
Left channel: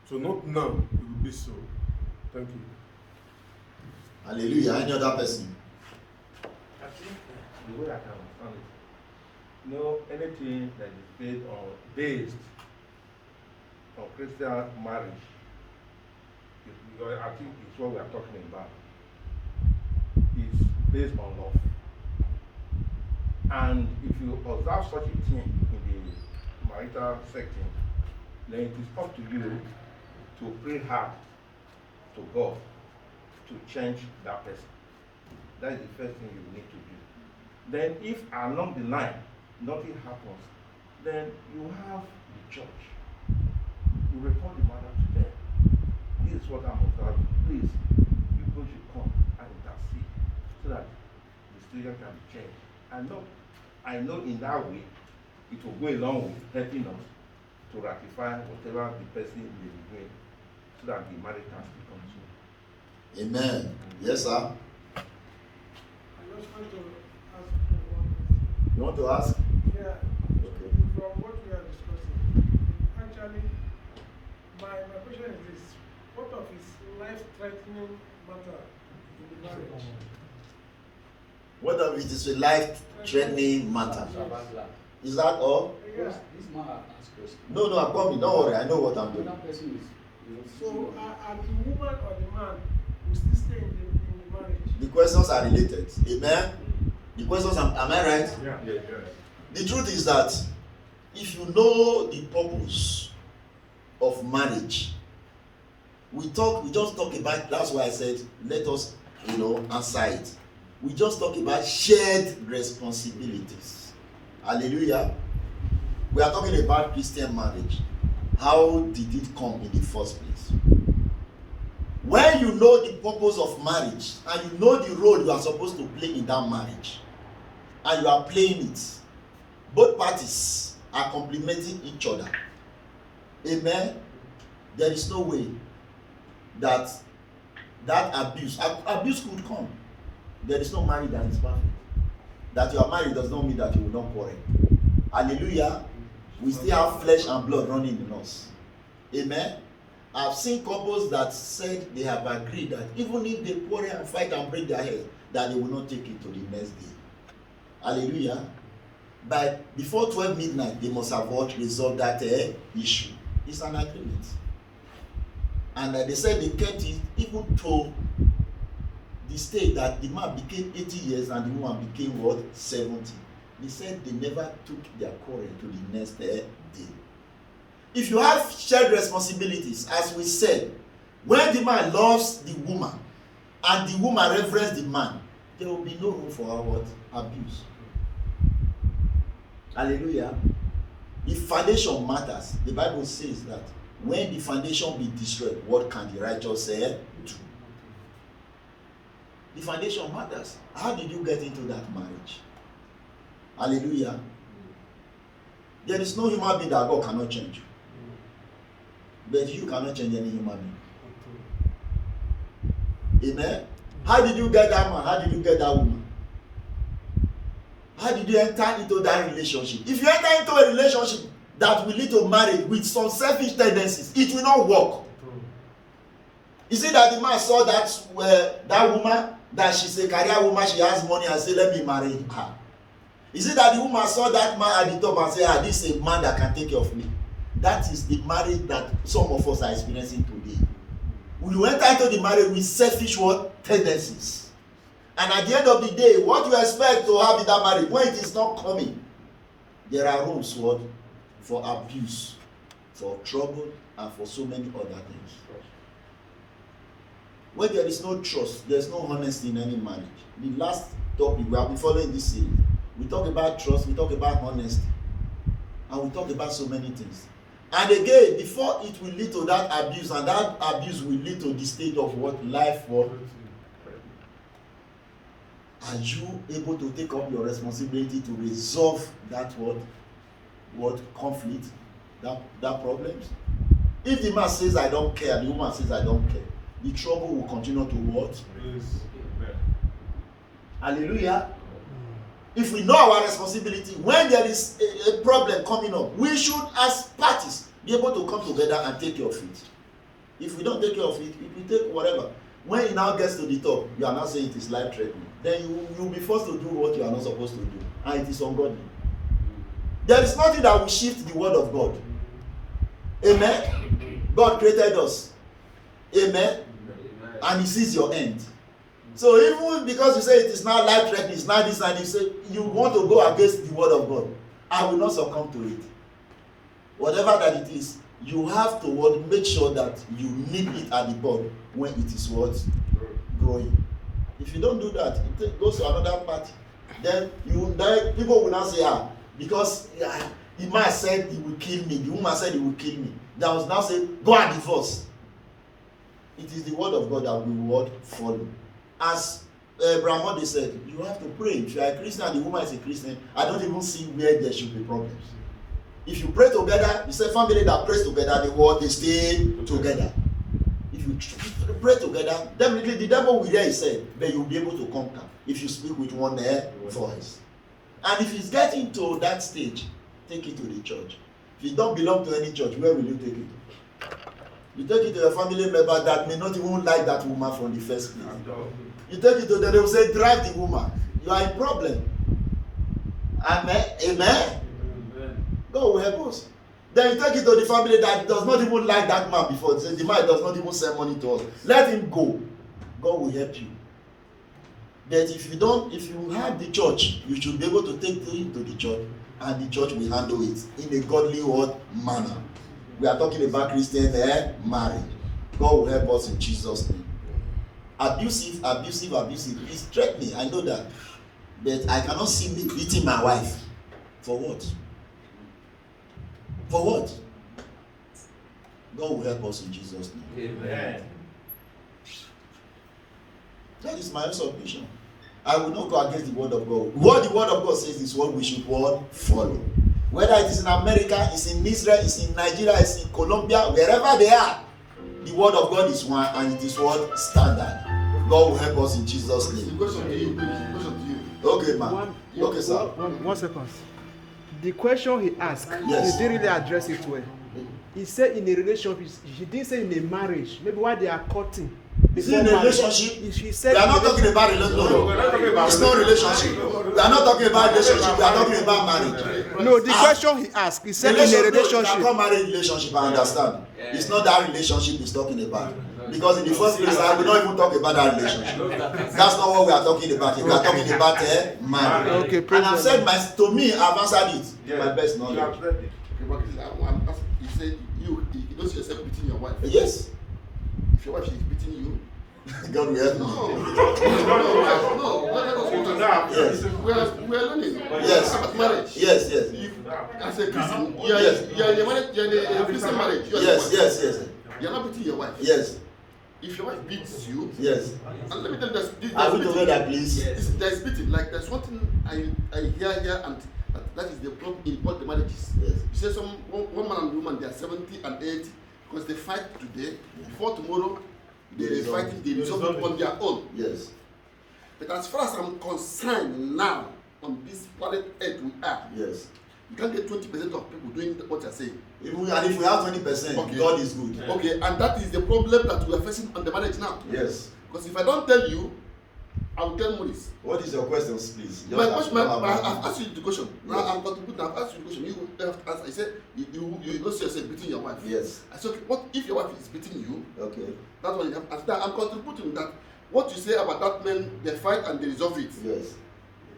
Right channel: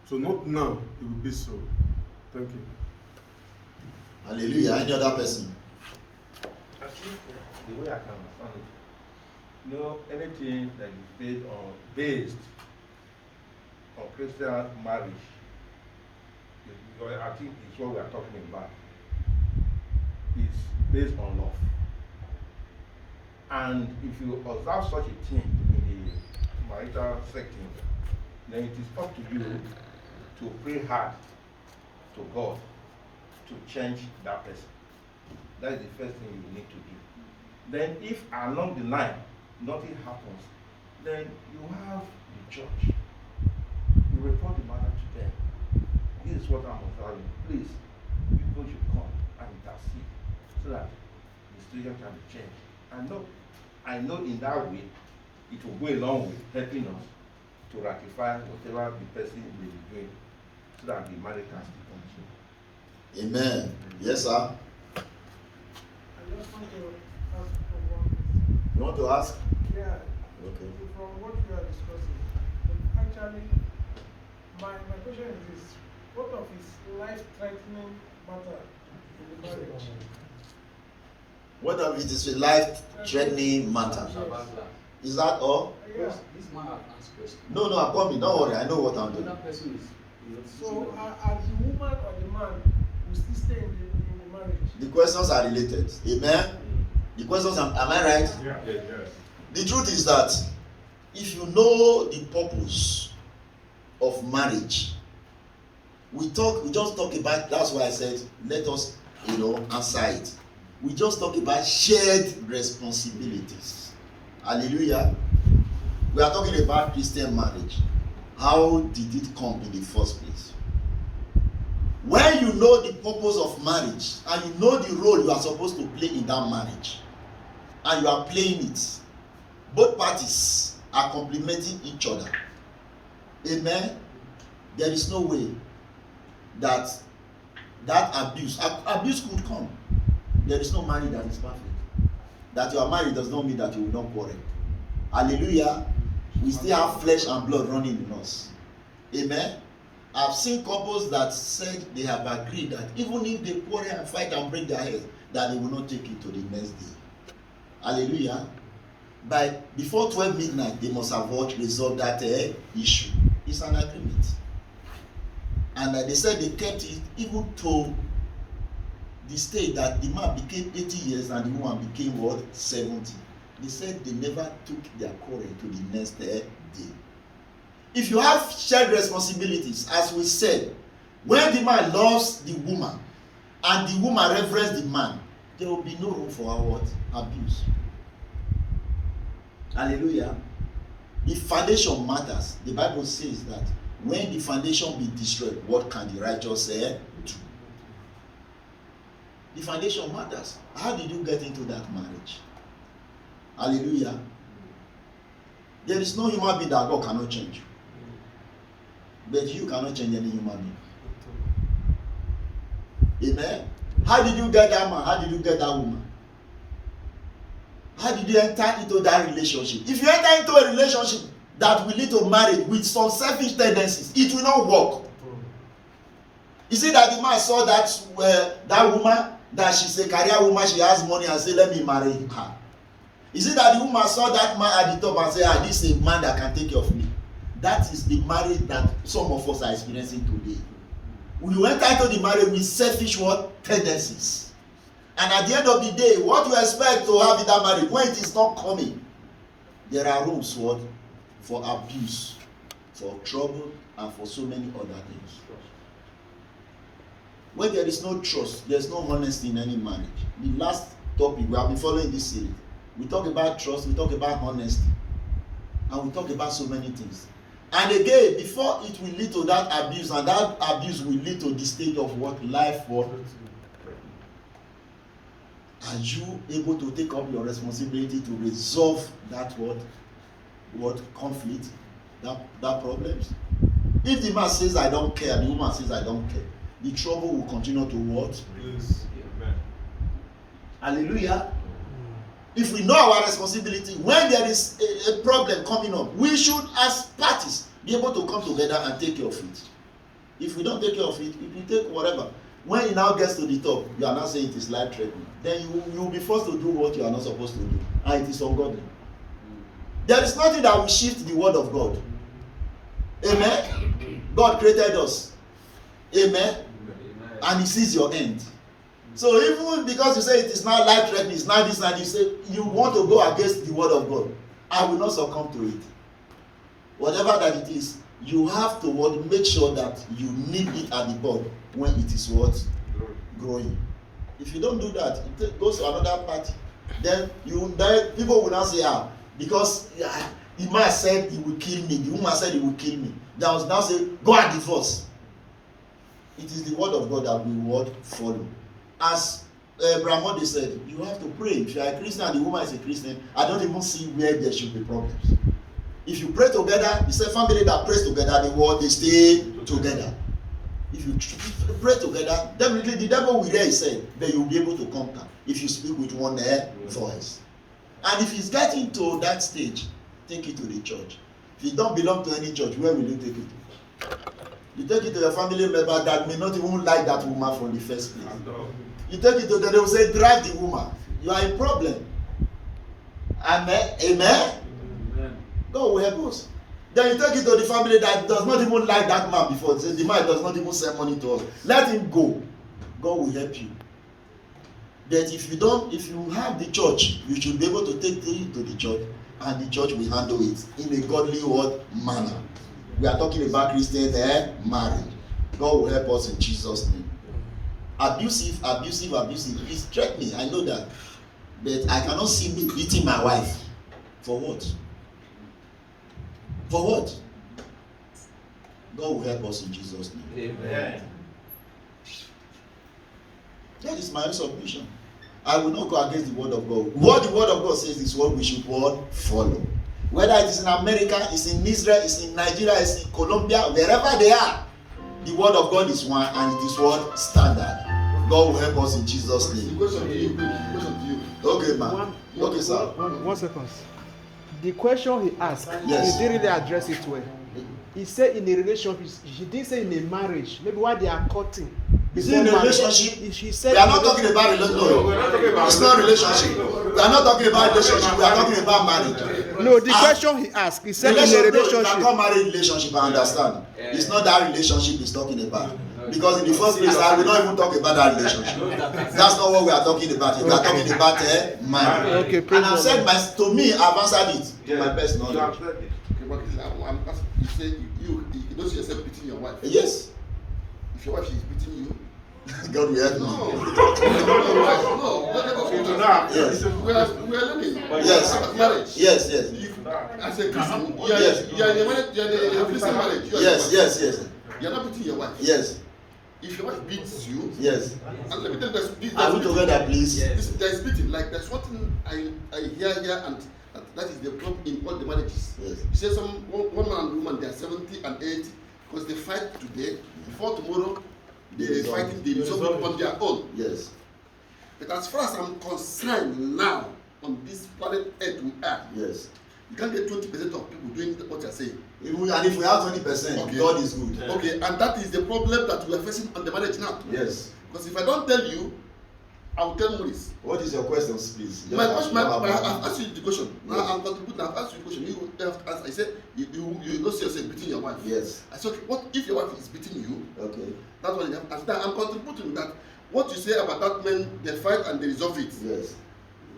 So not now it will be so. Thank you. Hallelujah. Any other person? I think the way I can understand it, anything that is based on Christian marriage, because I think it's what we are talking about, is based on love. And if you observe such a thing in the marital setting, then it is up to you to pray hard to God to change that person. That is the first thing you need to do. Then if along the line nothing happens, then you have the church. You report the matter to them. This is what I'm observing. Please, people should come and intercede so that the situation can be changed. I know in that way it will go a long way helping us to ratify whatever the person may be doing so that the marriage can still continue. Amen. Yes, sir. I just want to ask for one question. You want to ask? Yeah. Okay. From what we are discussing, actually, my question is this: what of his life-threatening matter in the marriage? What if it is a life-threatening matter? Is that all? Yeah. This man have asked question. No, I'm coming. Don't worry. I know what I'm doing. Another person is So, are the woman or the man will still stay in the marriage? The questions are related. Amen. The questions am I right? Yeah. The truth is that if you know the purpose of marriage, we just talk about, that's why I said let us answer it. We just talk about shared responsibilities. Hallelujah. We are talking about Christian marriage. How did it come in the first place? When you know the purpose of marriage and you know the role you are supposed to play in that marriage, and you are playing it, both parties are complementing each other. Amen. There is no way that abuse could come. There is no marriage that is perfect. That you are married does not mean that you will not quarrel. Hallelujah. We still have flesh and blood running in us. Amen. I've seen couples that said they have agreed that even if they quarrel and fight and break their heads, that they will not take it to the next day. Hallelujah. Before 12 midnight, they must have resolved that issue. It's an agreement. And they said they kept it even to the state that the man became 80 years and the woman became 70. They said they never took their quarrel to the next day. If you have shared responsibilities, as we said, when the man loves the woman and the woman reverences the man, there will be no room for abuse. Hallelujah. The foundation matters. The Bible says that when the foundation be destroyed, what can the righteous do? The foundation matters. How did you get into that marriage? Hallelujah. There is no human being that God cannot change. But you cannot change any human being. Amen. How did you get that man? How did you get that woman? How did you enter into that relationship? If you enter into a relationship that will lead to marriage with some selfish tendencies, it will not work. You see that the man saw that woman, that she's a career woman, she has money, and say, let me marry her. You see that the woman saw that man at the top and say, this is a man that can take care of me. That is the marriage that some of us are experiencing today. We will enter into the marriage with selfish tendencies. And at the end of the day, what you expect to have in that marriage, when it is not coming, there are rooms for abuse, for trouble, and for so many other things. When there is no trust, there is no honesty in any marriage. The last topic, we have been following this series. We talk about trust, we talk about honesty, and we talk about so many things. And again, before it will lead to that abuse, and that abuse will lead to the state of life. Are you able to take up your responsibility to resolve that conflict, that problems? If the man says I don't care, the woman says I don't care, the trouble will continue to what? Please. Amen. Hallelujah. If we know our responsibility, when there is a problem coming up, we should, as parties, be able to come together and take care of it. If we don't take care of it, it will take whatever. When it now gets to the top, you are now saying it is life-threatening. Then you will be forced to do what you are not supposed to do, and it is ungodly. There is nothing that will shift the word of God. Amen. God created us. Amen. And He sees your end. So even because you say it is not life-threatening, it's not this, and you say you want to go against the word of God, I will not succumb to it. Whatever that it is, you have to make sure that you nip it at the bud when it is growing. If you don't do that, it goes to another party. Then people will now say, because the man said he will kill me, the woman said he will kill me. They will now say, go and divorce. It is the word of God that we will follow. As Brahmode said, you have to pray. If you are a Christian and the woman is a Christian, I don't even see where there should be problems. If you pray together, you say family that prays together, they stay together. If you pray together, definitely the devil will hear he said, but you will be able to conquer if you speak with one voice. And if it's getting to that stage, take it to the church. If you don't belong to any church, where will you take it? You take it to a family member that may not even like that woman from the first place. You take it to them, they will say, drive the woman. You are in problem. Amen. Amen. God will help us. Then you take it to the family that does not even like that man before. The man does not even send money to us. Let him go. God will help you. But if you have the church, you should be able to take it to the church, and the church will handle it in a godly manner. We are talking about Christian marriage. God will help us in Jesus' name. Abusive. It's threatening. I know that. But I cannot see me beating my wife. For what? For what? God will help us in Jesus' name. Amen. That is my own submission. I will not go against the word of God. What the word of God says is what we should follow. Whether it is in America, it's in Israel, it's in Nigeria, it's in Colombia, wherever they are, the word of God is one, and it is what standard. God will help us in Jesus' name. Question to you. Okay, man. Okay, sir. 1 second. The question he asked, Yes. he didn't really address it well. He said in a relationship, he didn't say in a marriage, maybe while they are courting. Is it in a relationship? He said We are not talking about relationship. we're not talking about It's not relationship. We are not talking about relationship. We are talking about marriage. No, the question he asked, he said in a You can relationship. call marriage relationship, I understand. It's not that relationship he's talking about. Because in the first place, I will not even talk about that relationship. That's not what we are talking about. We are talking about marriage. Okay, And I've said, praise to me, I've answered it to my best You knowledge. have said it. Okay, but you say you don't see yourself beating your wife. Yes. If your wife is beating you, God will help no, me. no. Yes. We are learning. Yes. About marriage. Yes. As a Christian, you are Yes. in a marriage. You are in a Christian marriage. You are Yes. You are not beating your wife. Yes. If your wife beats you, Yes. and let me tell you, Are we together, please? there's beating. Like there's one thing I hear here, and That is the problem in all the marriages. Yes. You say one man and woman, they are 70 and 80 because they fight today. Before tomorrow, they Resolve. fighting, they resolve it on their own. Yes. But as far as I'm concerned now, on this planet Earth we are, Yes. you can't get 20% of people doing what you're saying. And if we have 20%, Okay. God is good. Okay, and that is the problem that we are facing on the marriage now. Yes. Because if I don't tell you, I will tell Maurice. What is your question, please? My question, Don't have- I've asked you the question. Now Yes. I'm contributing. I've asked you the question. You have to answer. I said you don't see yourself beating your wife. Yes. I said, okay, what if your wife is beating you? Okay. That's what you have to answer. Now I'm contributing that. What you say about that man, they fight and they resolve it. Yes.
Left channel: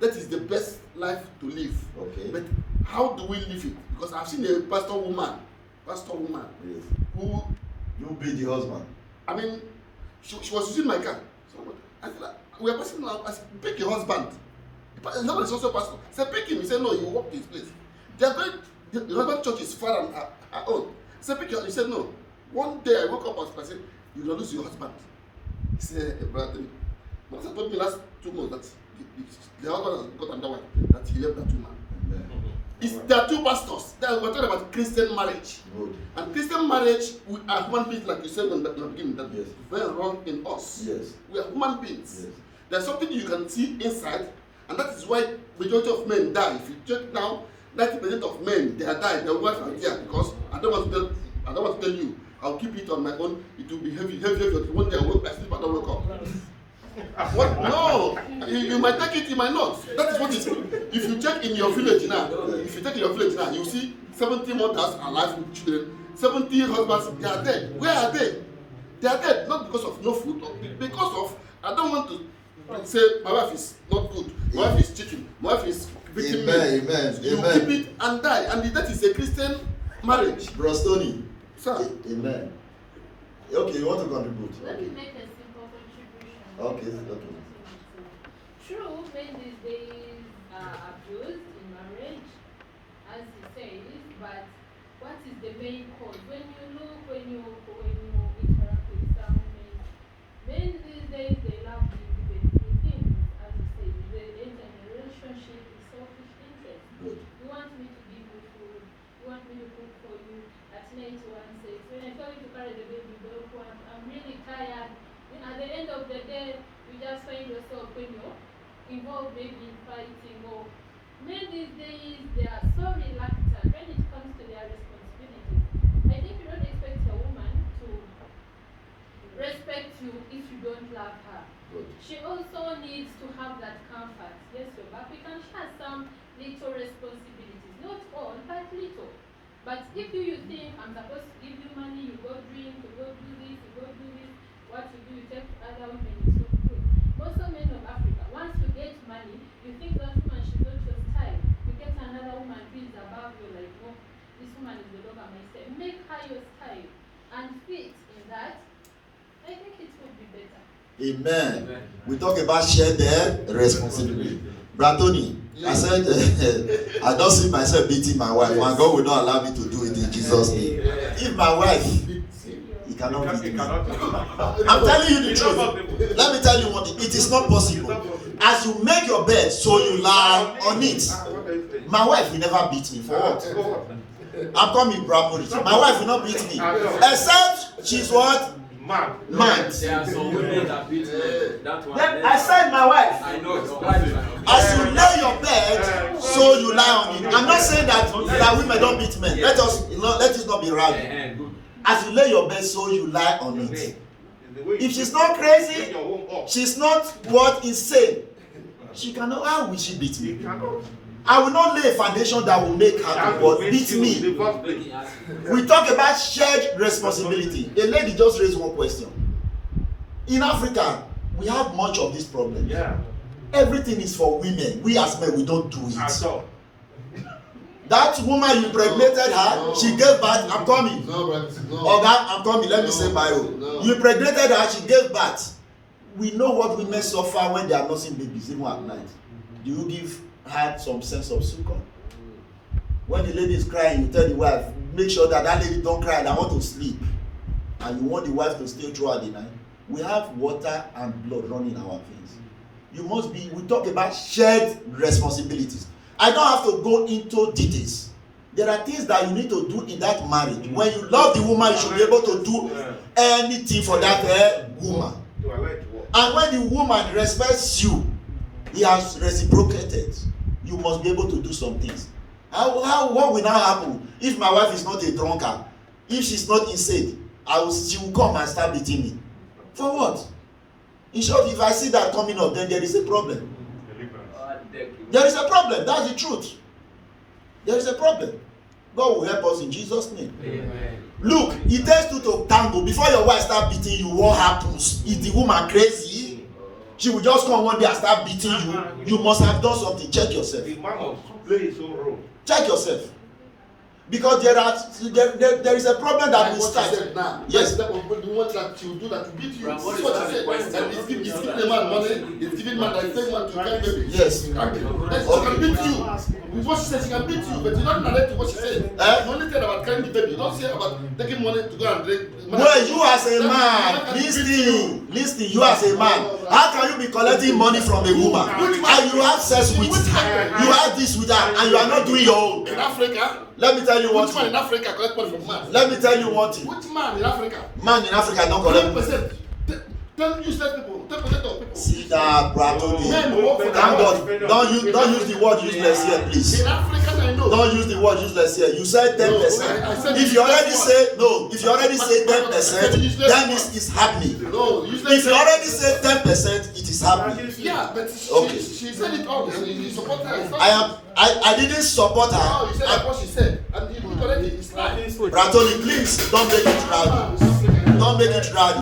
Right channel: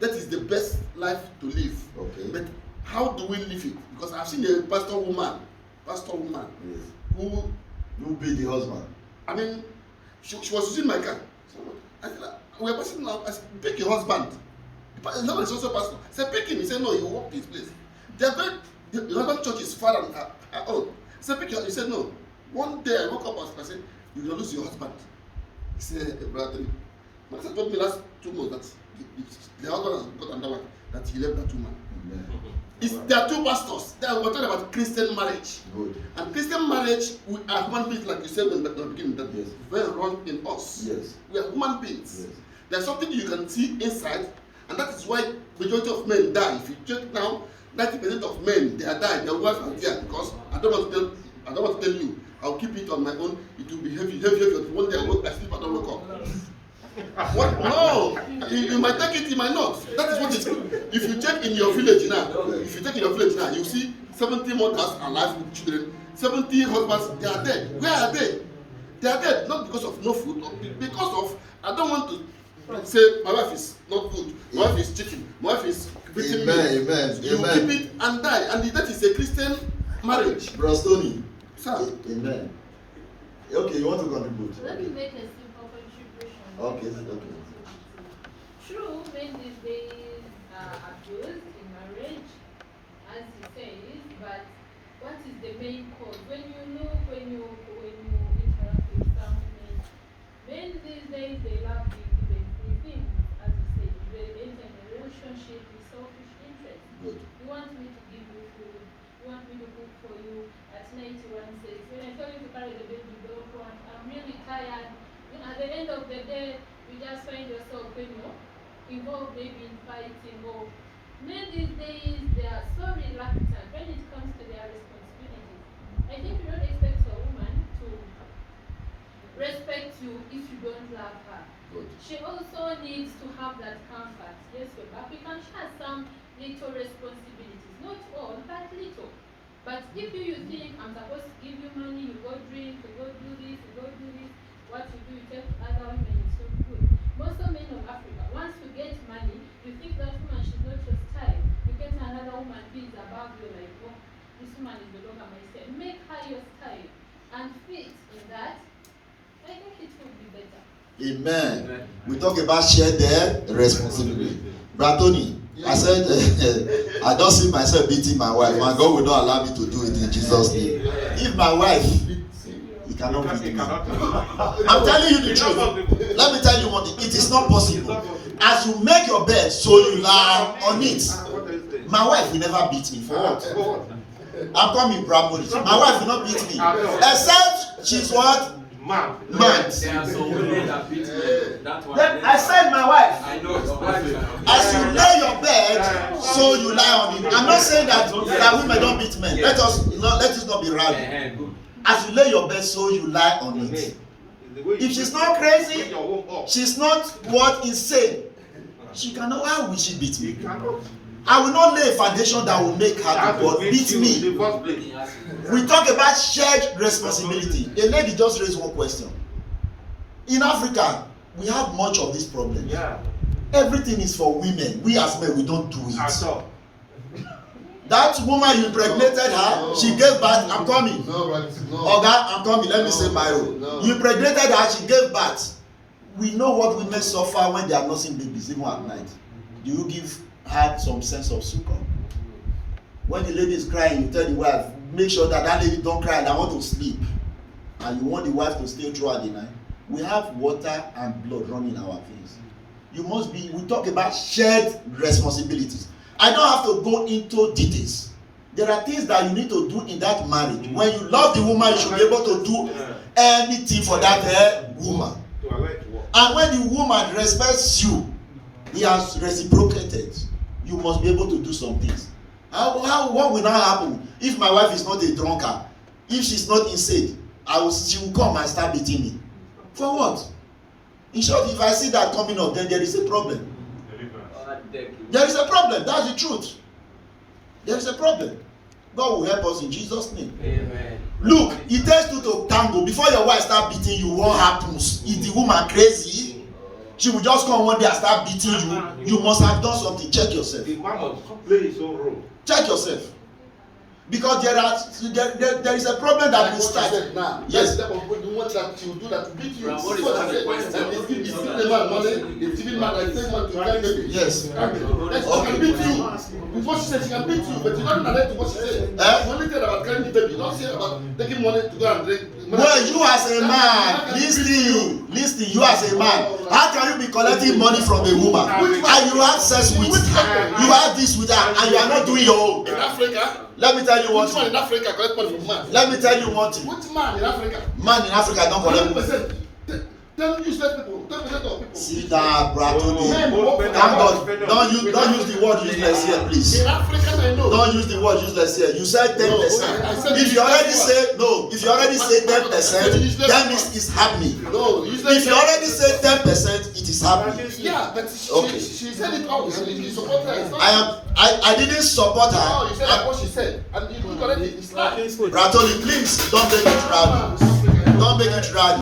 That is the best life to live. Okay. But how do we live it? Because I've seen a pastor woman Yes. who, You be the husband. I mean, she was using my car. So I said, we are passing now. I said, pick your husband. The husband is also pastor. I said, pick him. He said, no, you walk this place. They are going, the husband church is far than her own. I said, pick your, he said, no. One day I woke up and I said, you will lose your husband. He said, brother, my husband told me last 2 months that the husband has got another wife, that he left that woman. There are 2 pastors. We're talking about Christian marriage. Good. And Christian marriage, we are human beings, like you said in the beginning, that Yes. very wrong in us. Yes. We are human beings. Yes. There's something you can see inside, and that is why majority of men die. If you check now, 90% of men they are dying. Their wives are there because I don't want to tell you. I'll keep it on my own. It will be heavy. One day I sleep, I don't wake up. What? No, you might take it, you might not. That is what it is. If you check in your village now, you see 70 mothers alive with children, 70 husbands, they are dead. Where are they? They are dead, not because of no food, but because of, I don't want to say my wife is not good, my wife is cheating, my wife is beating me. Amen. You Amen. keep it and die, and that is a Christian marriage. Brostoni. Sir. Amen. Okay, you want to contribute? Let me make a simple contribution. Okay. True, men these days are abused in marriage, as he says, but what is the main cause? When you interact with some men these days they love being given free things, as you say, they enter in a relationship with selfish interest. Good. You want me to give you food, you want me to cook for you. At night one says, when I tell you to carry the baby, don't want, I'm really tired. You know, at the end of the day, you just find yourself, involved maybe in fighting or men these days they are so reluctant when it comes to their responsibilities. I think you don't expect a woman to respect you if you don't love her. Good. She also needs to have that comfort. Yes, but we can share some little responsibilities, not all, but little. But if you think I'm supposed to give you money, you go drink, you go do this, you go do this, what you do, you take other women, it's not good. Most of men of Africa, once you get money, you think that woman she's not your style. You get another woman who is above you, like, oh, this woman is the dog of my style. Make her your style and fit in that. I think it will be better. Amen. We talk about share their responsibility. Bratoni, I said, I don't see myself beating my wife. My God will not allow me to do it in Jesus' name. If my wife, he cannot beat me. I'm telling you the truth. Let me tell you one thing. It is not possible. As you make your bed, so you lie on it. My wife will never beat me. For what? I'm coming, Bramoni. My wife will not beat me. Except she's what? Mad. There are some women that beat men. That one. Then I said my wife. I know your wife. As you lay your bed, so you lie on it. I'm not saying that women don't beat men. Let us not be rowdy. As you lay your bed, so you lie on it. If she's not crazy, she's not what insane. She cannot. How will she beat me? I will not lay a foundation that will make her to what beat me. We talk about shared responsibility. A lady just raised one question. In Africa, we have much of this problem. Yeah. Everything is for women. We as men, we don't do it. That woman you impregnated her, she gave birth. I'm coming. Oga, I'm coming. Let me say my own. You impregnated her, she gave birth. We know what women suffer when they are nursing babies, even at night. Do you give her some sense of succor? When the lady is crying, you tell the wife, make sure that lady don't cry and I want to sleep. And you want the wife to stay throughout the night. We have water and blood running in our veins. You must be, we talk about shared responsibilities. I don't have to go into details. There are things that you need to do in that marriage. When you love the woman, you should be able to do anything for that woman. And when the woman respects you, he has reciprocated. You must be able to do some things. What will now happen if my wife is not a drunkard? If she's not insane, she will come and start beating me. For what? In short, if I see that coming up, then there is a problem. There is a problem. That's the truth. There is a problem. God will help us in Jesus' name. Amen. Look, it takes two to tango. Before your wife start beating you, what happens? Is the woman crazy? She will just come one day and start beating you. You must have done something. Check yourself. The man must play his own role. Check yourself. Because there is a problem that will start. Yes. That what that you do that beat you. But what See is what I the said. question? And it's giving the man money. It's giving man like same man to carry baby. Yes. She can beat you. With what she said, she can beat you, but you don't narrate to what she said. You only tell about carrying the baby. You don't say about taking money to go and drink. Well, you as a man, listen, you as a man, how can you be collecting money from a woman and you have sex with her, you have this with her, and you are not doing your own? In Africa, Let me tell you one which man in thing. Africa collect money from man? Let me tell you one thing. Which man in Africa? Man in Africa don't collect money. 10%. 10 useless people, 10% of people. Sit down, brother. Men work for Thank God. Don't use the word useless here, please. In Africa, I know. Don't use the word useless here. You said 10%. I said If you already useless say no, if you already say 10%, that means it's happening. No, useless. If you already say 10%, it is happening. Yeah, but Okay. she said it all. You support her. It's not I didn't support No, her. you said that's what she said. And you already, it's not. Bratoli, please don't make it rowdy. Don't make it rowdy.